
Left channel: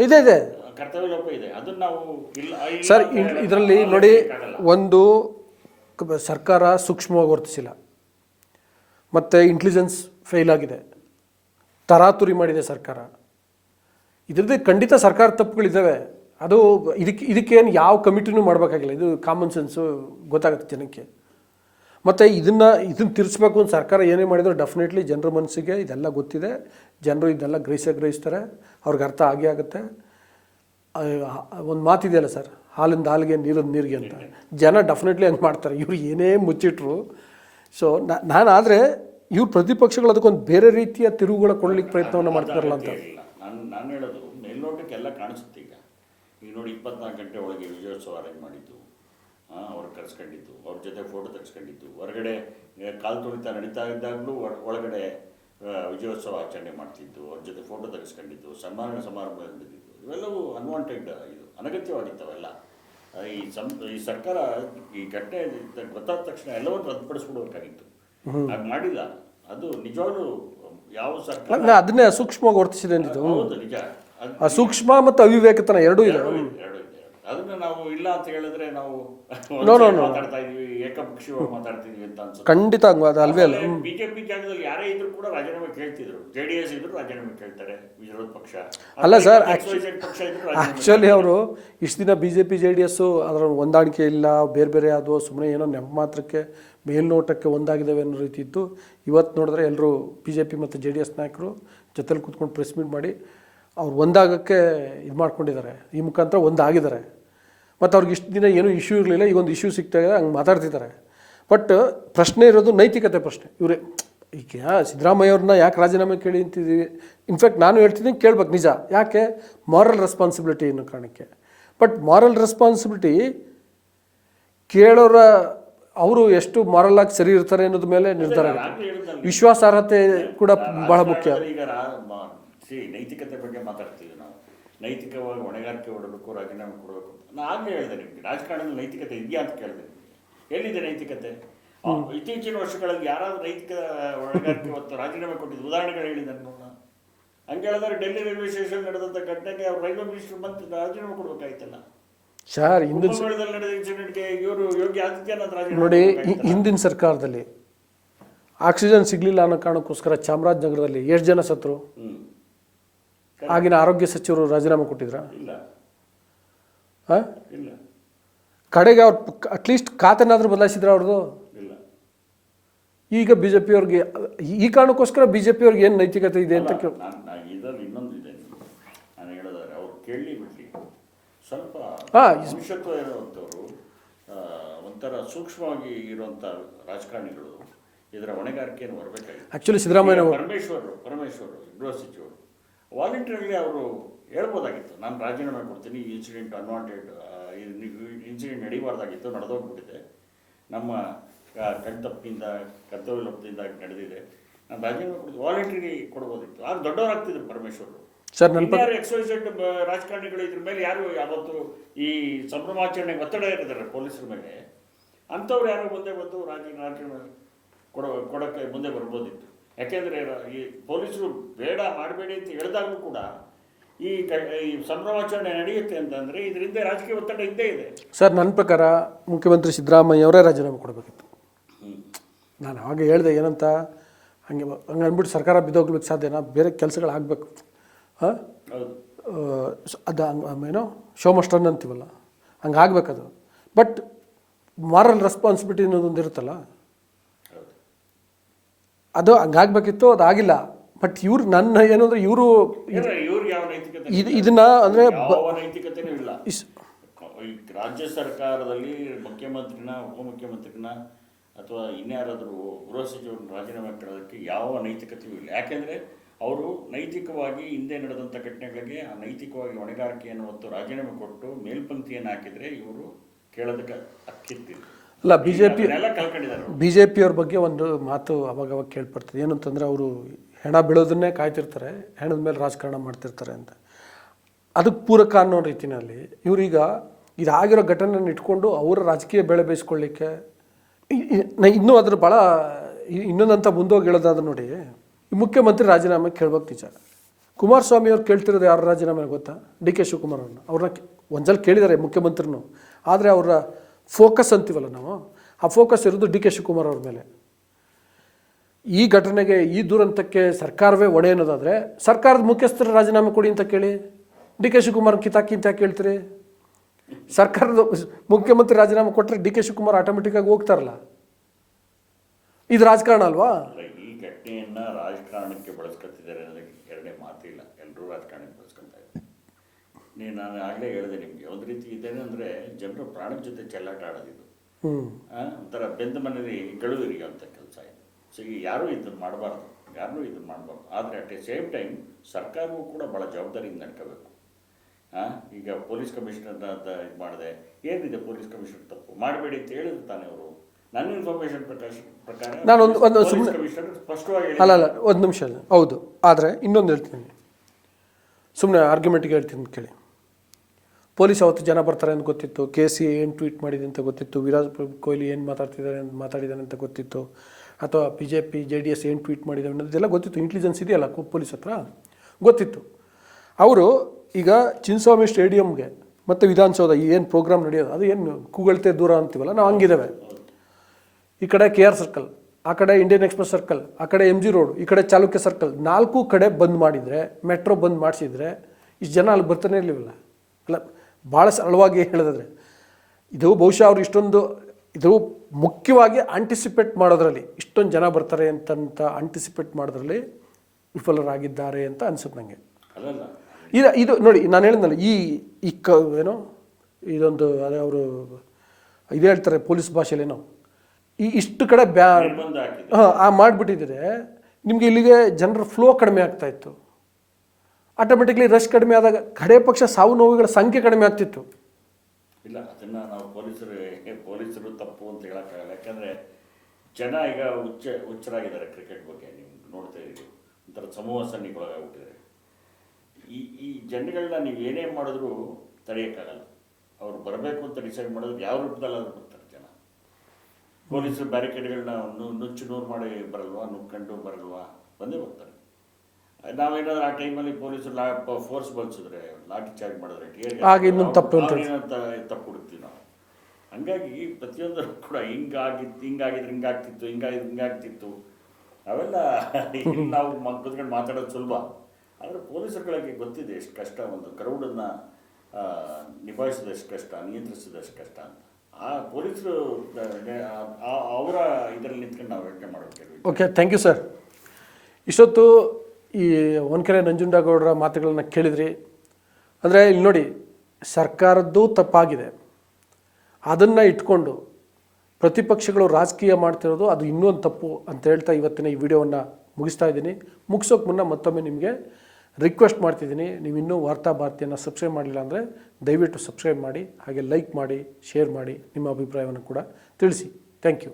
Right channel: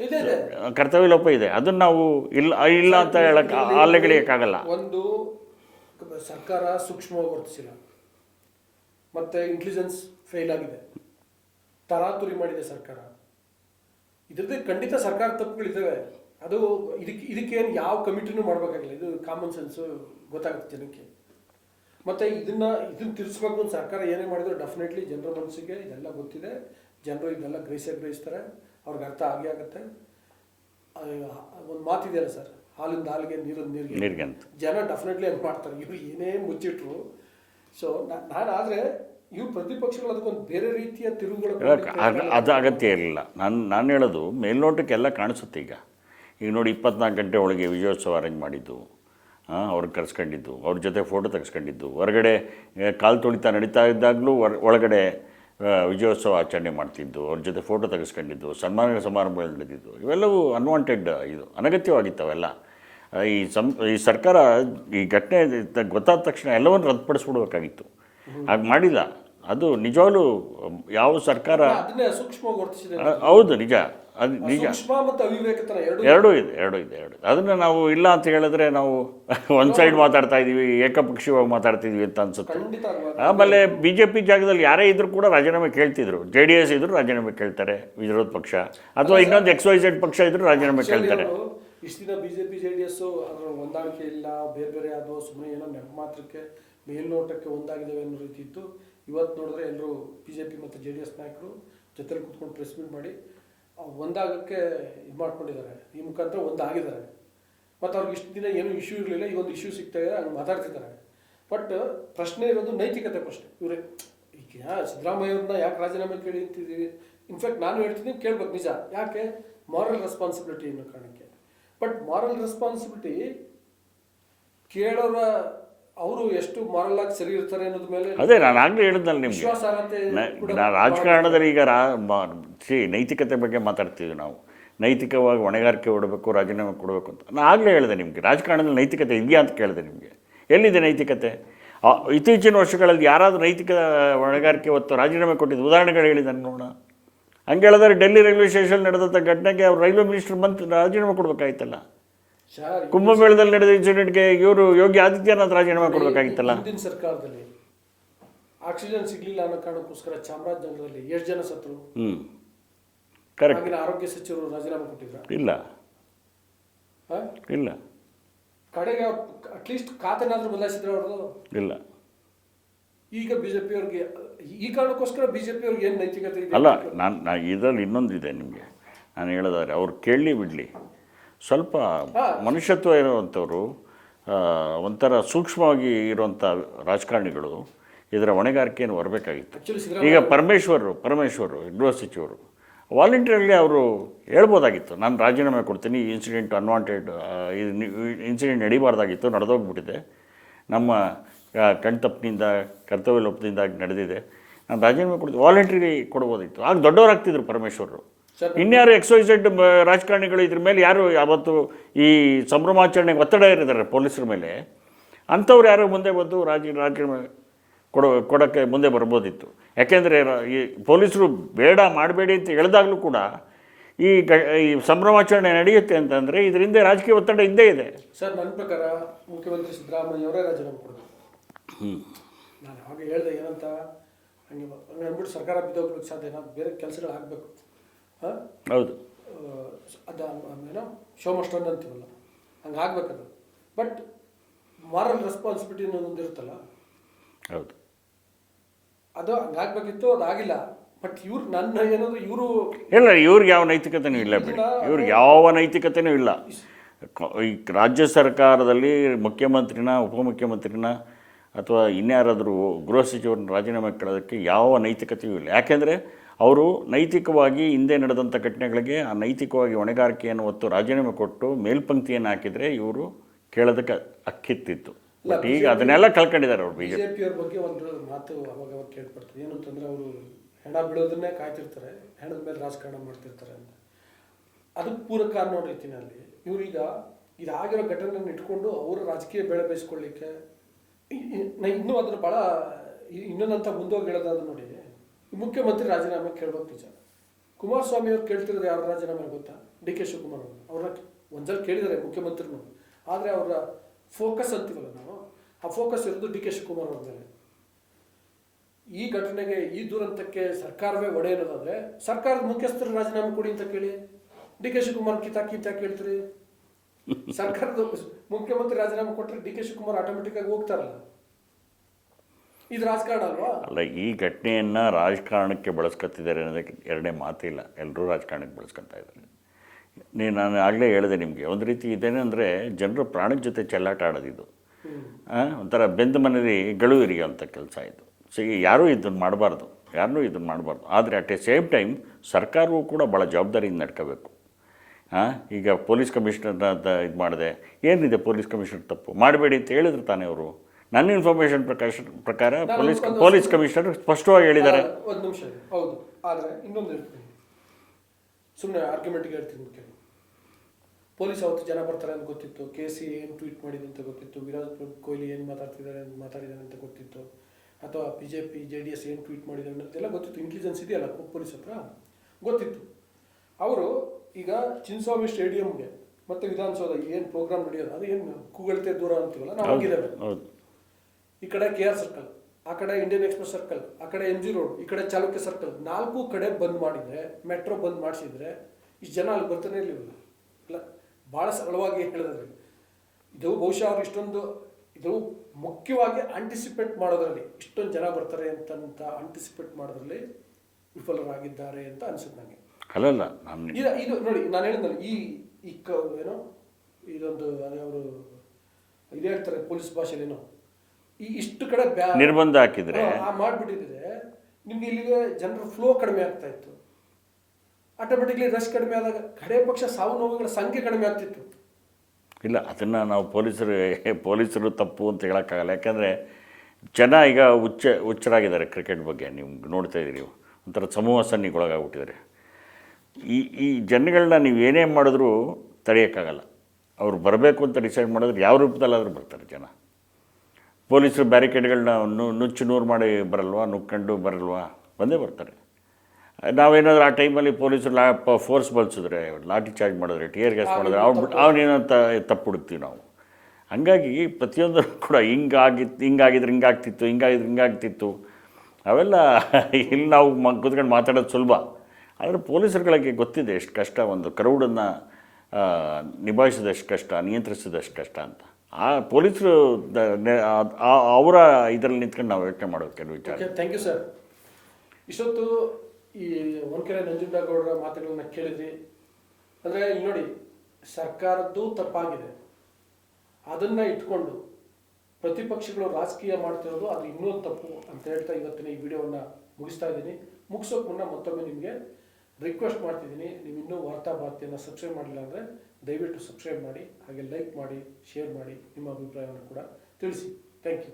ಇದೆ ಇದೆ. ಕರ್ತವ್ಯ ಲೋಪ ಇದೆ. ಅದನ್ನ ನಾವು ಇಲ್ಲ ಇಲ್ಲ ಅಂತ ಹೇಳಕ್ಕಾಗಲ್ಲ ಒಂದು ಸರ್ಕಾರ ಸೂಕ್ಷ್ಮವಾಗಿ ವರ್ತಿಸಿಲ್ಲ ಮತ್ತು ಇಂಟೆಲಿಜೆನ್ಸ್ ಫೇಲ್ ಆಗಿದೆ. ತರಾತುರಿ ಮಾಡಿದೆ ಸರ್ಕಾರ. ಇದ್ರದ್ದು ಖಂಡಿತ ಸರ್ಕಾರ ತಪ್ಪುಗಳಿದ್ದಾವೆ. ಅದು ಇದಕ್ಕೆ ಇದಕ್ಕೇನು ಯಾವ ಕಮಿಟಿನೂ ಮಾಡಬೇಕಾಗಿಲ್ಲ. ಇದು ಕಾಮನ್ ಸೆನ್ಸು ಗೊತ್ತಾಗುತ್ತೆ ಜನಕ್ಕೆ. ಮತ್ತು ಇದನ್ನು ಇದನ್ನು ತಿರ್ಸ್ಬೇಕು ಅಂತ ಸರ್ಕಾರ ಏನೇ ಮಾಡಿದ್ರು ಡೆಫಿನೆಟ್ಲಿ ಜನರ ಮನಸ್ಸಿಗೆ ಇದೆಲ್ಲ ಗೊತ್ತಿದೆ. ಜನರು ಇದೆಲ್ಲ ಗ್ರಹಿಸ ಗ್ರಹಿಸ್ತಾರೆ. ಅವ್ರಿಗೆ ಅರ್ಥ ಆಗೇ ಆಗುತ್ತೆ. ಒಂದು ಮಾತಿದೆಯಲ್ಲ ಸರ್ ಹಾಲಿಂದ ಹಾಲಿಗೆ ನೀರಿಂದ ನೀರಿಗೆ ಜನ ಡೆಫಿನೆಟ್ಲಿ ಹಂಗೆ ಮಾಡ್ತಾರೆ. ಇವ್ರು ಏನೇ ಮುಚ್ಚಿಟ್ರು. ಸೊ ನಾನು ಆದರೆ ಇವ್ರು ಪ್ರತಿಪಕ್ಷಗಳು ಅದಕ್ಕೊಂದು ಬೇರೆ ರೀತಿಯ ತಿರುವುಗಳ ಕೊಡಲಿಕ್ಕೆ ಪ್ರಯತ್ನ ಅಗತ್ಯ ಇರಲಿಲ್ಲ. ನಾನು ನಾನು ಹೇಳೋದು ಮೇಲ್ನೋಟಕ್ಕೆಲ್ಲ ಕಾಣಿಸುತ್ತೆ ಈಗ. ಈಗ ನೋಡಿ ಇಪ್ಪತ್ನಾಲ್ಕು ಗಂಟೆ ಒಳಗೆ ವಿಜಯೋತ್ಸವ ಅರೇಂಜ್ ಮಾಡಿದ್ದು. ಅವ್ರಿಗೆ ಕರೆಸ್ಕೊಂಡಿದ್ದು. ಅವ್ರ ಜೊತೆ ಫೋಟೋ ತೆಗೆಸ್ಕೊಂಡಿದ್ದು. ಹೊರಗಡೆ ಕಾಲು ತುಳಿತ ನಡೀತಾ ಇದ್ದಾಗಲೂ ಒಳಗಡೆ ವಿಜಯೋತ್ಸವ ಆಚರಣೆ ಮಾಡ್ತಿದ್ದು. ಅವ್ರ ಜೊತೆ ಫೋಟೋ ತೆಗೆಸ್ಕೊಂಡಿದ್ದು. ಸನ್ಮಾನ ಸಮಾರಂಭಗಳು ನಡೆದಿದ್ದು. ಇವೆಲ್ಲವೂ ಅನ್ವಾಂಟೆಡ್ ಇದು ಅನಗತ್ಯವಾಗಿತ್ತವೆಲ್ಲ. ಈ ಸಂ ಈ ಸರ್ಕಾರ ಈ ಘಟನೆ ಗೊತ್ತಾದ ತಕ್ಷಣ ಎಲ್ಲವನ್ನು ರದ್ದುಪಡಿಸ್ಬಿಡ್ಬೇಕಾಗಿತ್ತು. ಹಾಗೆ ಮಾಡಿಲ್ಲ. ಅದು ನಿಜವಾಗ್ಲೂ ಯಾವ ಸರ್ಕಾರ ನಾನು ಅದನ್ನೇ ಸೂಕ್ಷ್ಮವಾಗಿ ವರ್ತಿಸಿದೆ ಹೌದು ನಿಜ. ಸೂಕ್ಷ್ಮ ಮತ್ತು ಅವಿವೇಕತನ ಎರಡು ಎರಡು ಇದೆ ಎರಡು ಇದೆ ಎರಡು ಅದನ್ನ ನಾವು ಇಲ್ಲ ಅಂತ ಹೇಳಿದ್ರೆ ನಾವು ಒಂದ್ ಸೈಡ್ ಮಾತಾಡ್ತಾ ಇದೀವಿ ಏಕಪಕ್ಷೀಯವಾಗಿ ಇದೀವಿ ಅಂತ ಅನ್ಸುತ್ತೆ. ಖಂಡಿತ ಆಮೇಲೆ ಬಿಜೆಪಿ ಜಾಗದಲ್ಲಿ ಯಾರೇ ಇದ್ರು ಕೂಡ ರಾಜೀನಾಮೆ ಕೇಳ್ತಿದ್ರು. ಜೆ ಡಿ ಎಸ್ ಇದ್ರು ರಾಜೀನಾಮೆ ಕೇಳ್ತಾರೆ ವಿರೋಧ ಪಕ್ಷ. ಎಕ್ಸ್ ವೈ ಜೆಡ್ ಪಕ್ಷ ಇದ್ರು ರಾಜೀನಾಮೆ ಅವರು ಇಷ್ಟು ದಿನ B J P J D S ಅದರ ಹೊಂದಾಣಿಕೆ ಇಲ್ಲ ಬೇರೆ ಬೇರೆ ಅದು ಸುಮ್ಮನೆ ಏನೋ ನೆಪ ಮಾತ್ರಕ್ಕೆ ಮೇಲ್ನೋಟಕ್ಕೆ ಒಂದಾಗಿದ್ದಾವೆ ಅನ್ನೋ ರೀತಿ ಇತ್ತು. ಇವತ್ತು ನೋಡಿದ್ರೆ ಎಲ್ಲರೂ ಬಿ ಜೆ ಪಿ ಮತ್ತು ಜೆ ಡಿ ಎಸ್ ನಾಯಕರು ಜೊತೆಲಿ ಕೂತ್ಕೊಂಡು ಪ್ರೆಸ್ ಮೀಟ್ ಮಾಡಿ ಅವ್ರು ಒಂದಾಗಕ್ಕೆ ಇದು ಮಾಡ್ಕೊಂಡಿದ್ದಾರೆ. ಈ ಮುಖಾಂತರ ಒಂದಾಗಿದ್ದಾರೆ. ಮತ್ತು ಅವ್ರಿಗೆ ಇಷ್ಟು ದಿನ ಏನೂ ಇಶ್ಯೂ ಇರಲಿಲ್ಲ. ಈಗ ಒಂದು ಇಶ್ಯೂ ಸಿಗ್ತಾ ಇದೆ ಹಂಗೆ ಮಾತಾಡ್ತಿದ್ದಾರೆ. ಬಟ್ ಪ್ರಶ್ನೆ ಇರೋದು ನೈತಿಕತೆ ಪ್ರಶ್ನೆ. ಇವರೇ ಈಗ ಸಿದ್ದರಾಮಯ್ಯ ಅವ್ರನ್ನ ಯಾಕೆ ರಾಜೀನಾಮೆ ಕೇಳಿ ಅಂತಿದ್ದೀವಿ ಇನ್ಫ್ಯಾಕ್ಟ್ ನಾನು ಹೇಳ್ತಿದ್ದೀನಿ ಕೇಳ್ಬೇಕು ನಿಜ. ಯಾಕೆ? ಮಾರಲ್ ರೆಸ್ಪಾನ್ಸಿಬಿಲಿಟಿ ಅನ್ನೋ ಕಾರಣಕ್ಕೆ. ಬಟ್ ಮಾರಲ್ ರೆಸ್ಪಾನ್ಸಿಬಿಲಿಟಿ ಕೇಳೋರ ಅವರು ಎಷ್ಟು ಮಾರಲ್ ಆಗಿ ಸರಿ ಇರ್ತಾರೆ ಅನ್ನೋದ್ರ ಮೇಲೆ ವಿಶ್ವಾಸಾರ್ಹತೆ ಕೂಡ ಈಗ ಸಿ ನೈತಿಕತೆ ಬಗ್ಗೆ ಮಾತಾಡ್ತೀವಿ ನಾವು. ನೈತಿಕವಾಗಿ ಹೊಣೆಗಾರಿಕೆ ಕೊಡಬೇಕು ರಾಜೀನಾಮೆ ಕೊಡಬೇಕು ಅಂತ. ನಾನು ಆಗಲೇ ಹೇಳಿದೆ ನಿಮಗೆ ರಾಜಕಾರಣದಲ್ಲಿ ನೈತಿಕತೆ ಇದೆಯಾ ಅಂತ ಕೇಳಿದೆ ನಿಮಗೆ. ಎಲ್ಲಿದೆ ನೈತಿಕತೆ? ಇತ್ತೀಚಿನ ವರ್ಷಗಳಲ್ಲಿ ಯಾರಾದರೂ ನೈತಿಕ ಹೊಣೆಗಾರಿಕೆ ಹೊತ್ತು ರಾಜೀನಾಮೆ ಕೊಟ್ಟಿದ್ದು ಉದಾಹರಣೆಗಳು ಹೇಳಿದ್ದಾನೆ ನೋಡೋಣ. ಹಂಗೆ ಹೇಳಿದ್ರೆ ಡೆಲ್ಲಿ ರೈಲ್ವೆ ಸ್ಟೇಷನ್ ನಡೆದಂಥ ಘಟನೆಗೆ ಅವ್ರು ರೈಲ್ವೆ ಮಿನಿಸ್ಟರ್ ಬಂತು ರಾಜೀನಾಮೆ ಕೊಡಬೇಕಾಯ್ತಲ್ಲ. ಸರ್ ಕುಂಭಮೇಳದಲ್ಲಿ ನಡೆದ ಇನ್ಸಿಡೆಂಟ್ಗೆ ಇವರು ಯೋಗಿ ಆದಿತ್ಯನಾಥ್ ರಾಜೀನಾಮೆ ಕೊಡಬೇಕಾಗಿತ್ತಲ್ಲ. ಹಿಂದಿನ ಸರ್ಕಾರದಲ್ಲಿ ಆಕ್ಸಿಜನ್ ಸಿಗ್ಲಿಲ್ಲ ಅನ್ನೋ ಕಾರಣಕ್ಕೋಸ್ಕರ ಚಾಮರಾಜನಗರದಲ್ಲಿ ಎಷ್ಟು ಜನ ಸತ್ರು ಆಗಿನ ಆರೋಗ್ಯ ಸಚಿವರು ರಾಜೀನಾಮೆ ಕೊಟ್ಟಿದ್ರ? ಇಲ್ಲ. ಇಲ್ಲ. ಕಡೆಗೆ ಅವ್ರು ಅಟ್ಲೀಸ್ಟ್ ಖಾತೆನಾದ್ರೂ ಬದಲಾಯಿಸಿದ್ರ ಅವ್ರದ್ದು ಇಲ್ಲ. ಈಗ ಬಿಜೆಪಿ ಪಿಯವ್ರಿಗೆ ಈ ಕಾರಣಕ್ಕೋಸ್ಕರ ಬಿಜೆಪಿ ಪಿಯವ್ರಿಗೆ ಏನು ನೈತಿಕತೆ ಇದೆ ಅಲ್ಲ ನಾನು ನಾ ಇದರಲ್ಲಿ ಇನ್ನೊಂದಿದೆ ನಿಮಗೆ. ನಾನು ಹೇಳೋದಾದ್ರೆ ಅವ್ರು ಕೇಳಲಿ ಬಿಡಲಿ. ಸ್ವಲ್ಪ. ಮನುಷ್ಯತ್ವ ಇರುವಂಥವ್ರು ಆ, ಒಂಥರ ಸೂಕ್ಷ್ಮವಾಗಿ ಇರುವಂಥ ರಾಜಕಾರಣಿಗಳು ಇದರ ಹೊಣೆಗಾರಿಕೆಯನ್ನು ಬರಬೇಕಾಗಿತ್ತು. ಆ್ಯಕ್ಚುಲಿ ಸಿದ್ದರಾಮಯ್ಯ ಪರಮೇಶ್ವರರು ಪರಮೇಶ್ವರ್ ಪರಮೇಶ್ವರ್ ಗೃಹ ಸಚಿವರು. ವಾಲಂಟಿಯರ್ಲಿ ಅವರು ಹೇಳ್ಬೋದಾಗಿತ್ತು. ನಾನು ರಾಜೀನಾಮೆ ಕೊಡ್ತೀನಿ ಈ ಇನ್ಸಿಡೆಂಟ್ ಅನ್ವಾಂಟೆಡ್ ಇನ್ಸಿಡೆಂಟ್ ನಡೀಬಾರ್ದಾಗಿತ್ತು ನಡೆದೋಗ್ಬಿಟ್ಟಿದೆ. ನಮ್ಮ ಕಣ್ತಪ್ಪಿನಿಂದ ಕರ್ತವ್ಯ ಲೋಪದಿಂದ ನಡೆದಿದೆ. ನಾನು ರಾಜೀನಾಮೆ ಕೊಡ್ತೀನಿ ವಾಲಂಟ್ರಿ ಕೊಡ್ಬೋದಿತ್ತು ಆಗ ದೊಡ್ಡವರಾಗ್ತಿದ್ರು ಪರಮೇಶ್ವರರು. ಸರ್ ಇನ್ಯಾರು ಎಕ್ಸೋಸೆಡ್ ರಾಜಕಾರಣಿಗಳು ಇದ್ರ ಮೇಲೆ ಯಾರು ಯಾವತ್ತು ಈ ಸಂಭ್ರಮಾಚರಣೆಗೆ ಒತ್ತಡ ಇರಿದ್ದಾರೆ ಪೊಲೀಸರ ಮೇಲೆ ಅಂಥವ್ರು ಯಾರು ಮುಂದೆ ಬಂದು ರಾಜ ರಾಜೀನಾಮೆ ಕೊಡೋ ಕೊಡೋಕ್ಕೆ ಮುಂದೆ ಬರ್ಬೋದಿತ್ತು. ಯಾಕೆಂದರೆ ಈ ಪೊಲೀಸರು ಬೇಡ ಮಾಡಬೇಡಿ ಅಂತ ಹೇಳಿದಾಗಲೂ ಕೂಡ ಈ ಗ ಈ ಸಂಭ್ರಮಾಚರಣೆ ನಡೆಯುತ್ತೆ ಅಂತಂದರೆ ಇದರಿಂದ ರಾಜಕೀಯ ಒತ್ತಡ ಇದ್ದೇ ಇದೆ. ಸರ್ ನನ್ನ ಪ್ರಕಾರ ಮುಖ್ಯಮಂತ್ರಿ ಸಿದ್ದರಾಮಯ್ಯ ಅವರೇ ರಾಜೀನಾಮೆ ಕೊಡಬೇಕಿತ್ತು ನಾನು ಹಾಗೆ ಹೇಳಿದೆ ಏನಂತ ಹಂಗೆ ಹಂಗೆ ಅಂದ್ಬಿಟ್ಟು ಸರ್ಕಾರ ಬಿದ್ದೋಗ್ಲಿಕ್ಕೆ ಸಾಧ್ಯನಾ ಬೇರೆ ಕೆಲಸಗಳಾಗಬೇಕು. ಹಾಂ? ಹೌದು. ಅದು ಏನೋ ಶೋಮಸ್ಟನ್ ಅಂತೀವಲ್ಲ ಹಂಗೆ ಆಗಬೇಕದು ಬಟ್ ಮಾರಲ್ ರೆಸ್ಪಾನ್ಸಿಬಿಲಿಟಿ ಅನ್ನೋದೊಂದು ಇರುತ್ತಲ್ಲ ಹೌದು. ಅದು ಹಂಗಾಗಬೇಕಿತ್ತು ಅದಾಗಿಲ್ಲ ಬಟ್ ಇವ್ರು ನನ್ನ ಏನಂದ್ರೆ ಇವರು ಇಲ್ಲ ಇವ್ರಿಗೆ ಯಾವ ನೈತಿಕತೆ ಇಲ್ಲ ಇದನ್ನ ಅಂದ್ರೆ ಯಾವ ನೈತಿಕತೆನೂ ಇಲ್ಲ. ಈ ರಾಜ್ಯ ಸರ್ಕಾರದಲ್ಲಿ ಮುಖ್ಯಮಂತ್ರಿನ ಉಪಮುಖ್ಯಮಂತ್ರಿನ ಅಥವಾ ಇನ್ಯಾರಾದರೂ ಗೃಹ ಸಚಿವರನ್ನ ರಾಜೀನಾಮೆ ಕೇಳೋದಕ್ಕೆ ಯಾವ ನೈತಿಕತೆಯೂ ಇಲ್ಲ. ಯಾಕೆಂದರೆ ಅವರು ನೈತಿಕವಾಗಿ ಹಿಂದೆ ನಡೆದಂಥ ಘಟನೆಗಳಿಗೆ ಆ ನೈತಿಕವಾಗಿ ಹೊಣೆಗಾರಿಕೆಯನ್ನು ಹೊತ್ತು ರಾಜೀನಾಮೆ ಕೊಟ್ಟು ಮೇಲ್ಪಂಕ್ತಿಯನ್ನು ಹಾಕಿದರೆ ಇವರು ಕೇಳೋದಕ್ಕೆ ಅಕ್ಕಿತ್ತಿತ್ತು. ಅಲ್ಲ, ಬಿಜೆಪಿ ಅದನ್ನೆಲ್ಲ ಕಳ್ಕೊಂಡಿದ್ದಾರೆ ಅವರು ಬಿ ಜೆ ಪಿಯವ್ರ ಬಗ್ಗೆ ಒಂದು ಮಾತು ಅವಾಗ ಅವಾಗ ಕೇಳ್ಪಡ್ತದೆ. ಏನಂತಂದ್ರೆ ಅವರು ಹೆಣ ಬೀಳೋದನ್ನೇ ಕಾಯ್ತಿರ್ತಾರೆ ಹೆಣದ ಮೇಲೆ ರಾಜಕಾರಣ ಮಾಡ್ತಿರ್ತಾರೆ ಅಂತ. ಅದಕ್ಕೆ ಪೂರಕ ಅನ್ನೋ ರೀತಿಯಲ್ಲಿ ಇವರೀಗ ಇದಾಗಿರೋ ಘಟನೆ ಇಟ್ಕೊಂಡು ಅವರ ರಾಜಕೀಯ ಬೆಳೆ ಬೇಯಿಸ್ಕೊಳ್ಳಿಕ್ಕೆ ಇನ್ನೂ ಅದ್ರ ಭಾಳ ಇನ್ನೊಂದಂತ ಮುಂದೋಗಿ ಹೇಳೋದಾದ್ರೆ ನೋಡಿ ಮುಖ್ಯಮಂತ್ರಿ ರಾಜೀನಾಮೆ ಕೇಳ್ಬೇಕು ನಿಜ. ಕುಮಾರಸ್ವಾಮಿ ಅವ್ರು ಕೇಳ್ತಿರೋದು ಯಾರ ರಾಜೀನಾಮೆ ಗೊತ್ತಾ? ಡಿ ಕೆ ಶಿವಕುಮಾರ್ ಅವ್ರನ್ನ. ಅವ್ರನ್ನ ಒಂದ್ಸಲ ಕೇಳಿದ್ದಾರೆ ಮುಖ್ಯಮಂತ್ರಿನೂ. ಆದರೆ ಅವರ ಫೋಕಸ್ ಅಂತೀವಲ್ಲ ನಾವು? ಆ ಫೋಕಸ್ ಇರೋದು ಡಿ ಕೆ ಶಿವಕುಮಾರ್ ಅವ್ರ ಮೇಲೆ. ಈ ಘಟನೆಗೆ, ಈ ದುರಂತಕ್ಕೆ ಸರ್ಕಾರವೇ ಒಡೆ ಅನ್ನೋದಾದರೆ, ಸರ್ಕಾರದ ಮುಖ್ಯಸ್ಥರ ರಾಜೀನಾಮೆ ಕೊಡಿ ಅಂತ ಕೇಳಿ, ಡಿ ಕೆ ಶಿವಕುಮಾರ್ ಕಿತಾಕಿ ಅಂತ ಕೇಳ್ತೀರಿ? ಸರ್ಕಾರದ ಮುಖ್ಯಮಂತ್ರಿ ರಾಜೀನಾಮೆ ಕೊಟ್ಟರೆ ಡಿ ಕೆ ಶಿವಕುಮಾರ್ ಆಟೋಮೆಟಿಕ್ ಆಗಿ ಹೋಗ್ತಾರಲ್ಲ? ಇದು ರಾಜಕಾರಣ ಅಲ್ವಾ? ಅಲ್ಲ, ಈ ಘಟನೆಯನ್ನು ರಾಜಕಾರಣಕ್ಕೆ ಬಳಸ್ಕೊತಿದ್ದಾರೆ ಅನ್ನೋದಕ್ಕೆ ಎರಡನೇ ಮಾತಿಲ್ಲ. ಎಲ್ಲರೂ ರಾಜಕಾರಣಕ್ಕೆ ಬಳಸ್ಕೊತಾ ಇದ್ದಾರೆ. ನೀ ನಾನು ಆಗಲೇ ಹೇಳಿದೆ ನಿಮಗೆ. ಒಂದು ರೀತಿ ಇದೇನೆಂದರೆ ಜನರು ಪ್ರಾಣದ ಜೊತೆ ಚೆಲ್ಲಾಟ ಆಡೋದಿದು ಒಂಥರ ಬೆಂದ ಮನೇಲಿ ಗಳು ಅಂತ ಕೆಲಸ ಇದು. ಸೊ ಯಾರೂ ಇದನ್ನು ಮಾಡಬಾರ್ದು. ಯಾರನ್ನೂ ಇದನ್ನು ಮಾಡಬಾರ್ದು. ಆದರೆ ಅಟ್ ಎ ಸೇಮ್ ಟೈಮ್ ಸರ್ಕಾರವೂ ಕೂಡ ಭಾಳ ಜವಾಬ್ದಾರಿಯಿಂದ ನಡ್ಕೋಬೇಕು. ಹಾಂ ಈಗ ಪೊಲೀಸ್ ಕಮಿಷನರ್ನ ಇದು ಮಾಡಿದೆ. ಏನಿದೆ ಪೊಲೀಸ್ ಕಮಿಷನರ್ ತಪ್ಪು? ಮಾಡಬೇಡಿ ಅಂತ ಹೇಳಿದ್ರು ತಾನೇ ಅವರು. ನನ್ನ ಇನ್ಫಾರ್ಮೇಶನ್ ಪ್ರಕಾಶ ಪ್ರಕಾರ ಪೊಲೀಸ್ ಕಮಿಷನರ್ ಸ್ಪಷ್ಟವಾಗಿ ಹೇಳಿದ್ದಾರೆ ಒಂದು ನಿಮಿಷ ಹೌದು. ಆದರೆ ಇನ್ನೊಂದು ಹೇಳ್ತೀನಿ. ಸುಮ್ಮನೆ ಆರ್ಗ್ಯುಮೆಂಟ್ಗೆ ಹೇಳ್ತೀನಿ ಕೇಳಿ. ಪೊಲೀಸ್ ಅವತ್ತು ಜನ ಬರ್ತಾರೆ ಅಂತ ಗೊತ್ತಿತ್ತು. ಕೆ ಸಿ ಏನು ಟ್ವೀಟ್ ಮಾಡಿದೆ ಅಂತ ಗೊತ್ತಿತ್ತು. ವಿರಾಜ್ ಕೊಹ್ಲಿ ಏನು ಮಾತಾಡ್ತಿದ್ದಾರೆ ಅಂತ ಮಾತಾಡಿದ್ದಾನೆ ಅಂತ ಗೊತ್ತಿತ್ತು. ಅಥವಾ B J P J D S ಏನು ಟ್ವೀಟ್ ಮಾಡಿದ್ದಾರೆ ಅನ್ನೋದೆಲ್ಲ ಗೊತ್ತಿತ್ತು. ಇಂಟೆಲಿಜೆನ್ಸ್ ಇದೆಯಲ್ಲ ಪೊಲೀಸ್ ಹತ್ರ? ಗೊತ್ತಿತ್ತು. ಅವರು ಈಗ ಚಿನ್ಸ್ವಾಮಿ ಸ್ಟೇಡಿಯಂಗೆ ಮತ್ತು ವಿಧಾನಸೌಧ ಏನು ಪ್ರೋಗ್ರಾಮ್ ನಡೆಯೋದು ಅದು ಏನು ಕೂಗಳ್ತೆ ದೂರ ಅಂತೀವಲ್ಲ? ನಾವು ಹಂಗಿದ್ದಾವೆ. ಈ ಕಡೆ ಕೆ ಆರ್ ಸರ್ಕಲ್ ಆ ಕಡೆ ಇಂಡಿಯನ್ ಎಕ್ಸ್ಪ್ರೆಸ್ ಸರ್ಕಲ್ ಆ ಕಡೆ ಎಂ ಜಿ ರೋಡ್ ಈ ಕಡೆ ಚಾಲುಕ್ಯ ಸರ್ಕಲ್ ನಾಲ್ಕು ಕಡೆ ಬಂದ್ ಮಾಡಿದರೆ ಮೆಟ್ರೋ ಬಂದ್ ಮಾಡಿಸಿದರೆ ಇಷ್ಟು ಜನ ಅಲ್ಲಿ ಬರ್ತಾನೆ ಇರಲಿಲ್ಲ. ಅಲ್ಲ ಭಾಳ ಸರಳವಾಗಿ ಹೇಳಿದ್ರೆ ಇದು ಬಹುಶಃ ಅವರು ಇಷ್ಟೊಂದು ಇದು ಮುಖ್ಯವಾಗಿ ಆಂಟಿಸಿಪೇಟ್ ಮಾಡೋದ್ರಲ್ಲಿ ಇಷ್ಟೊಂದು ಜನ ಬರ್ತಾರೆ ಅಂತಂತ ಆಂಟಿಸಿಪೇಟ್ ಮಾಡೋದ್ರಲ್ಲಿ ವಿಫಲರಾಗಿದ್ದಾರೆ ಅಂತ ಅನ್ಸುತ್ತೆ ನನಗೆ ಅಲ್ಲಲ್ಲ ಇದು ಇದು ನೋಡಿ ನಾನು ಹೇಳಿದ್ನಲ್ಲ ಈ ಈ ಕ ಏನೋ ಇದೊಂದು ಅದೇ ಅವರು ಇದು ಹೇಳ್ತಾರೆ ಪೊಲೀಸ್ ಭಾಷೆಲೇನೋ ಈ ಇಷ್ಟು ಕಡೆ ಬ್ಯಾ ನಿರ್ಬಂಧ ಹಾಕಿದ್ರೆ ಮಾಡಿಬಿಟ್ಟಿದ್ರೆ ನಿಮಗೆ ಇಲ್ಲಿಗೆ ಜನರ ಫ್ಲೋ ಕಡಿಮೆ ಆಗ್ತಾ ಇತ್ತು. ಆಟೋಮೆಟಿಕ್ಲಿ ರಶ್ ಕಡಿಮೆ ಆದಾಗ ಕಡೆ ಪಕ್ಷ ಸಾವು ನೋವುಗಳ ಸಂಖ್ಯೆ ಕಡಿಮೆ ಆಗ್ತಿತ್ತು. ಇಲ್ಲ, ಅದನ್ನು ನಾವು ಪೊಲೀಸರು ಪೊಲೀಸರು ತಪ್ಪು ಅಂತ ಹೇಳೋಕ್ಕಾಗಲ್ಲ. ಯಾಕಂದರೆ ಜನ ಈಗ ಹುಚ್ಚ, ಹುಚ್ಚರಾಗಿದ್ದಾರೆ ಕ್ರಿಕೆಟ್ ಬಗ್ಗೆ. ನೀವು ನೋಡ್ತಾ ಇದ್ದೀರಿ ಒಂಥರ ಸಮೂಹ ಸನ್ನಿಗೊಳಗಾಗ್ಬಿಟ್ಟಿದ್ದಾರೆ ಈ ಈ ಜನಗಳನ್ನ ನೀವು ಏನೇ ಮಾಡಿದ್ರೂ ತಡೆಯೋಕ್ಕಾಗಲ್ಲ. ಅವ್ರು ಬರಬೇಕು ಅಂತ ಡಿಸೈಡ್ ಮಾಡಿದ್ರೆ ಯಾವ ರೂಪದಲ್ಲಾದರೂ ಬರ್ತಾರೆ ಜನ. ಪೊಲೀಸರು ಬ್ಯಾರಿಕೇಡ್ಗಳನ್ನ ನುಚ್ಚು ನೂರು ಮಾಡಿ ಬರಲ್ವಾ ನುಕ್ಕಂಡು ಬರಲ್ವಾ, ಬಂದೇ ಬರ್ತಾರೆ. ನಾವೇನಾದ್ರೂ ಆ ಟೈಮಲ್ಲಿ ಪೊಲೀಸರು ಲಾ ಫೋರ್ಸ್ ಬಳಸಿದ್ರೆ ಲಾಠಿ ಚಾರ್ಜ್ ಮಾಡಿದ್ರೆ ಟಿಯರ್ ಆಗ ಇನ್ನೊಂದು ತಪ್ಪು ಗ್ಯಾಸ್ ಅವನೇನಂತ ತಪ್ಪು ಹುಡುಕ್ತೀವಿ ನಾವು. ಹಂಗಾಗಿ ಪ್ರತಿಯೊಂದು ಕೂಡ ಹಿಂಗಾಗಿತ್ತು ಹಿಂಗಾಗಿದ್ರೆ ಹಿಂಗಾಗ್ತಿತ್ತು ಹಿಂಗಾಗಿದ್ರೆ ಹಿಂಗಾಗ್ತಿತ್ತು. ಅವೆಲ್ಲ ಇಲ್ಲಿ ನಾವು ಮ ಕೂತ್ಕೊಂಡು ಮಾತಾಡೋದು ಸುಲಭ. ಆದರೆ ಪೊಲೀಸರುಗಳಿಗೆ ಗೊತ್ತಿದೆ ಎಷ್ಟು ಕಷ್ಟ ಒಂದು ಕ್ರೌಡನ್ನು ನಿಭಾಯಿಸಿದಷ್ಟು ಕಷ್ಟ ನಿಯಂತ್ರಿಸಿದಷ್ಟು ಕಷ್ಟ ಅಂತ. ಆ ಪೊಲೀಸರು ಅವರ ಇದರಲ್ಲಿ ನಿಂತ್ಕೊಂಡು ನಾವು ಯೋಚನೆ ಮಾಡೋದು ಕೆಲವು ಓಕೆ ಥ್ಯಾಂಕ್ ಯು ಸರ್ ಇಷ್ಟೊತ್ತು ಈ ಒನ್ಕೆರೆ ನಂಜುಂಡಗೌಡರ ಮಾತುಗಳನ್ನ ಕೇಳಿದ್ರಿ? ಅಂದರೆ ಇಲ್ಲಿ ನೋಡಿ, ಸರ್ಕಾರದ್ದು ತಪ್ಪಾಗಿದೆ. ಅದನ್ನು ಇಟ್ಕೊಂಡು ಪ್ರತಿಪಕ್ಷಗಳು ರಾಜಕೀಯ ಮಾಡ್ತಿರೋದು ಅದು ಇನ್ನೊಂದು ತಪ್ಪು ಅಂತ ಹೇಳ್ತಾ ಇವತ್ತಿನ ಈ ವಿಡಿಯೋವನ್ನು ಮುಗಿಸ್ತಾ ಇದ್ದೀನಿ. ಮುಗಿಸೋಕೆ ಮುನ್ನ ಮತ್ತೊಮ್ಮೆ ನಿಮಗೆ ರಿಕ್ವೆಸ್ಟ್ ಮಾಡ್ತಿದ್ದೀನಿ. ನೀವು ಇನ್ನೂ ವಾರ್ತಾ ಭಾರತಿಯನ್ನು ಸಬ್ಸ್ಕ್ರೈಬ್ ಮಾಡಲಿಲ್ಲ ಅಂದರೆ ದಯವಿಟ್ಟು ಸಬ್ಸ್ಕ್ರೈಬ್ ಮಾಡಿ, ಹಾಗೆ ಲೈಕ್ ಮಾಡಿ ಶೇರ್ ಮಾಡಿ ನಿಮ್ಮ ಅಭಿಪ್ರಾಯವನ್ನು ಕೂಡ ತಿಳಿಸಿ. Thank you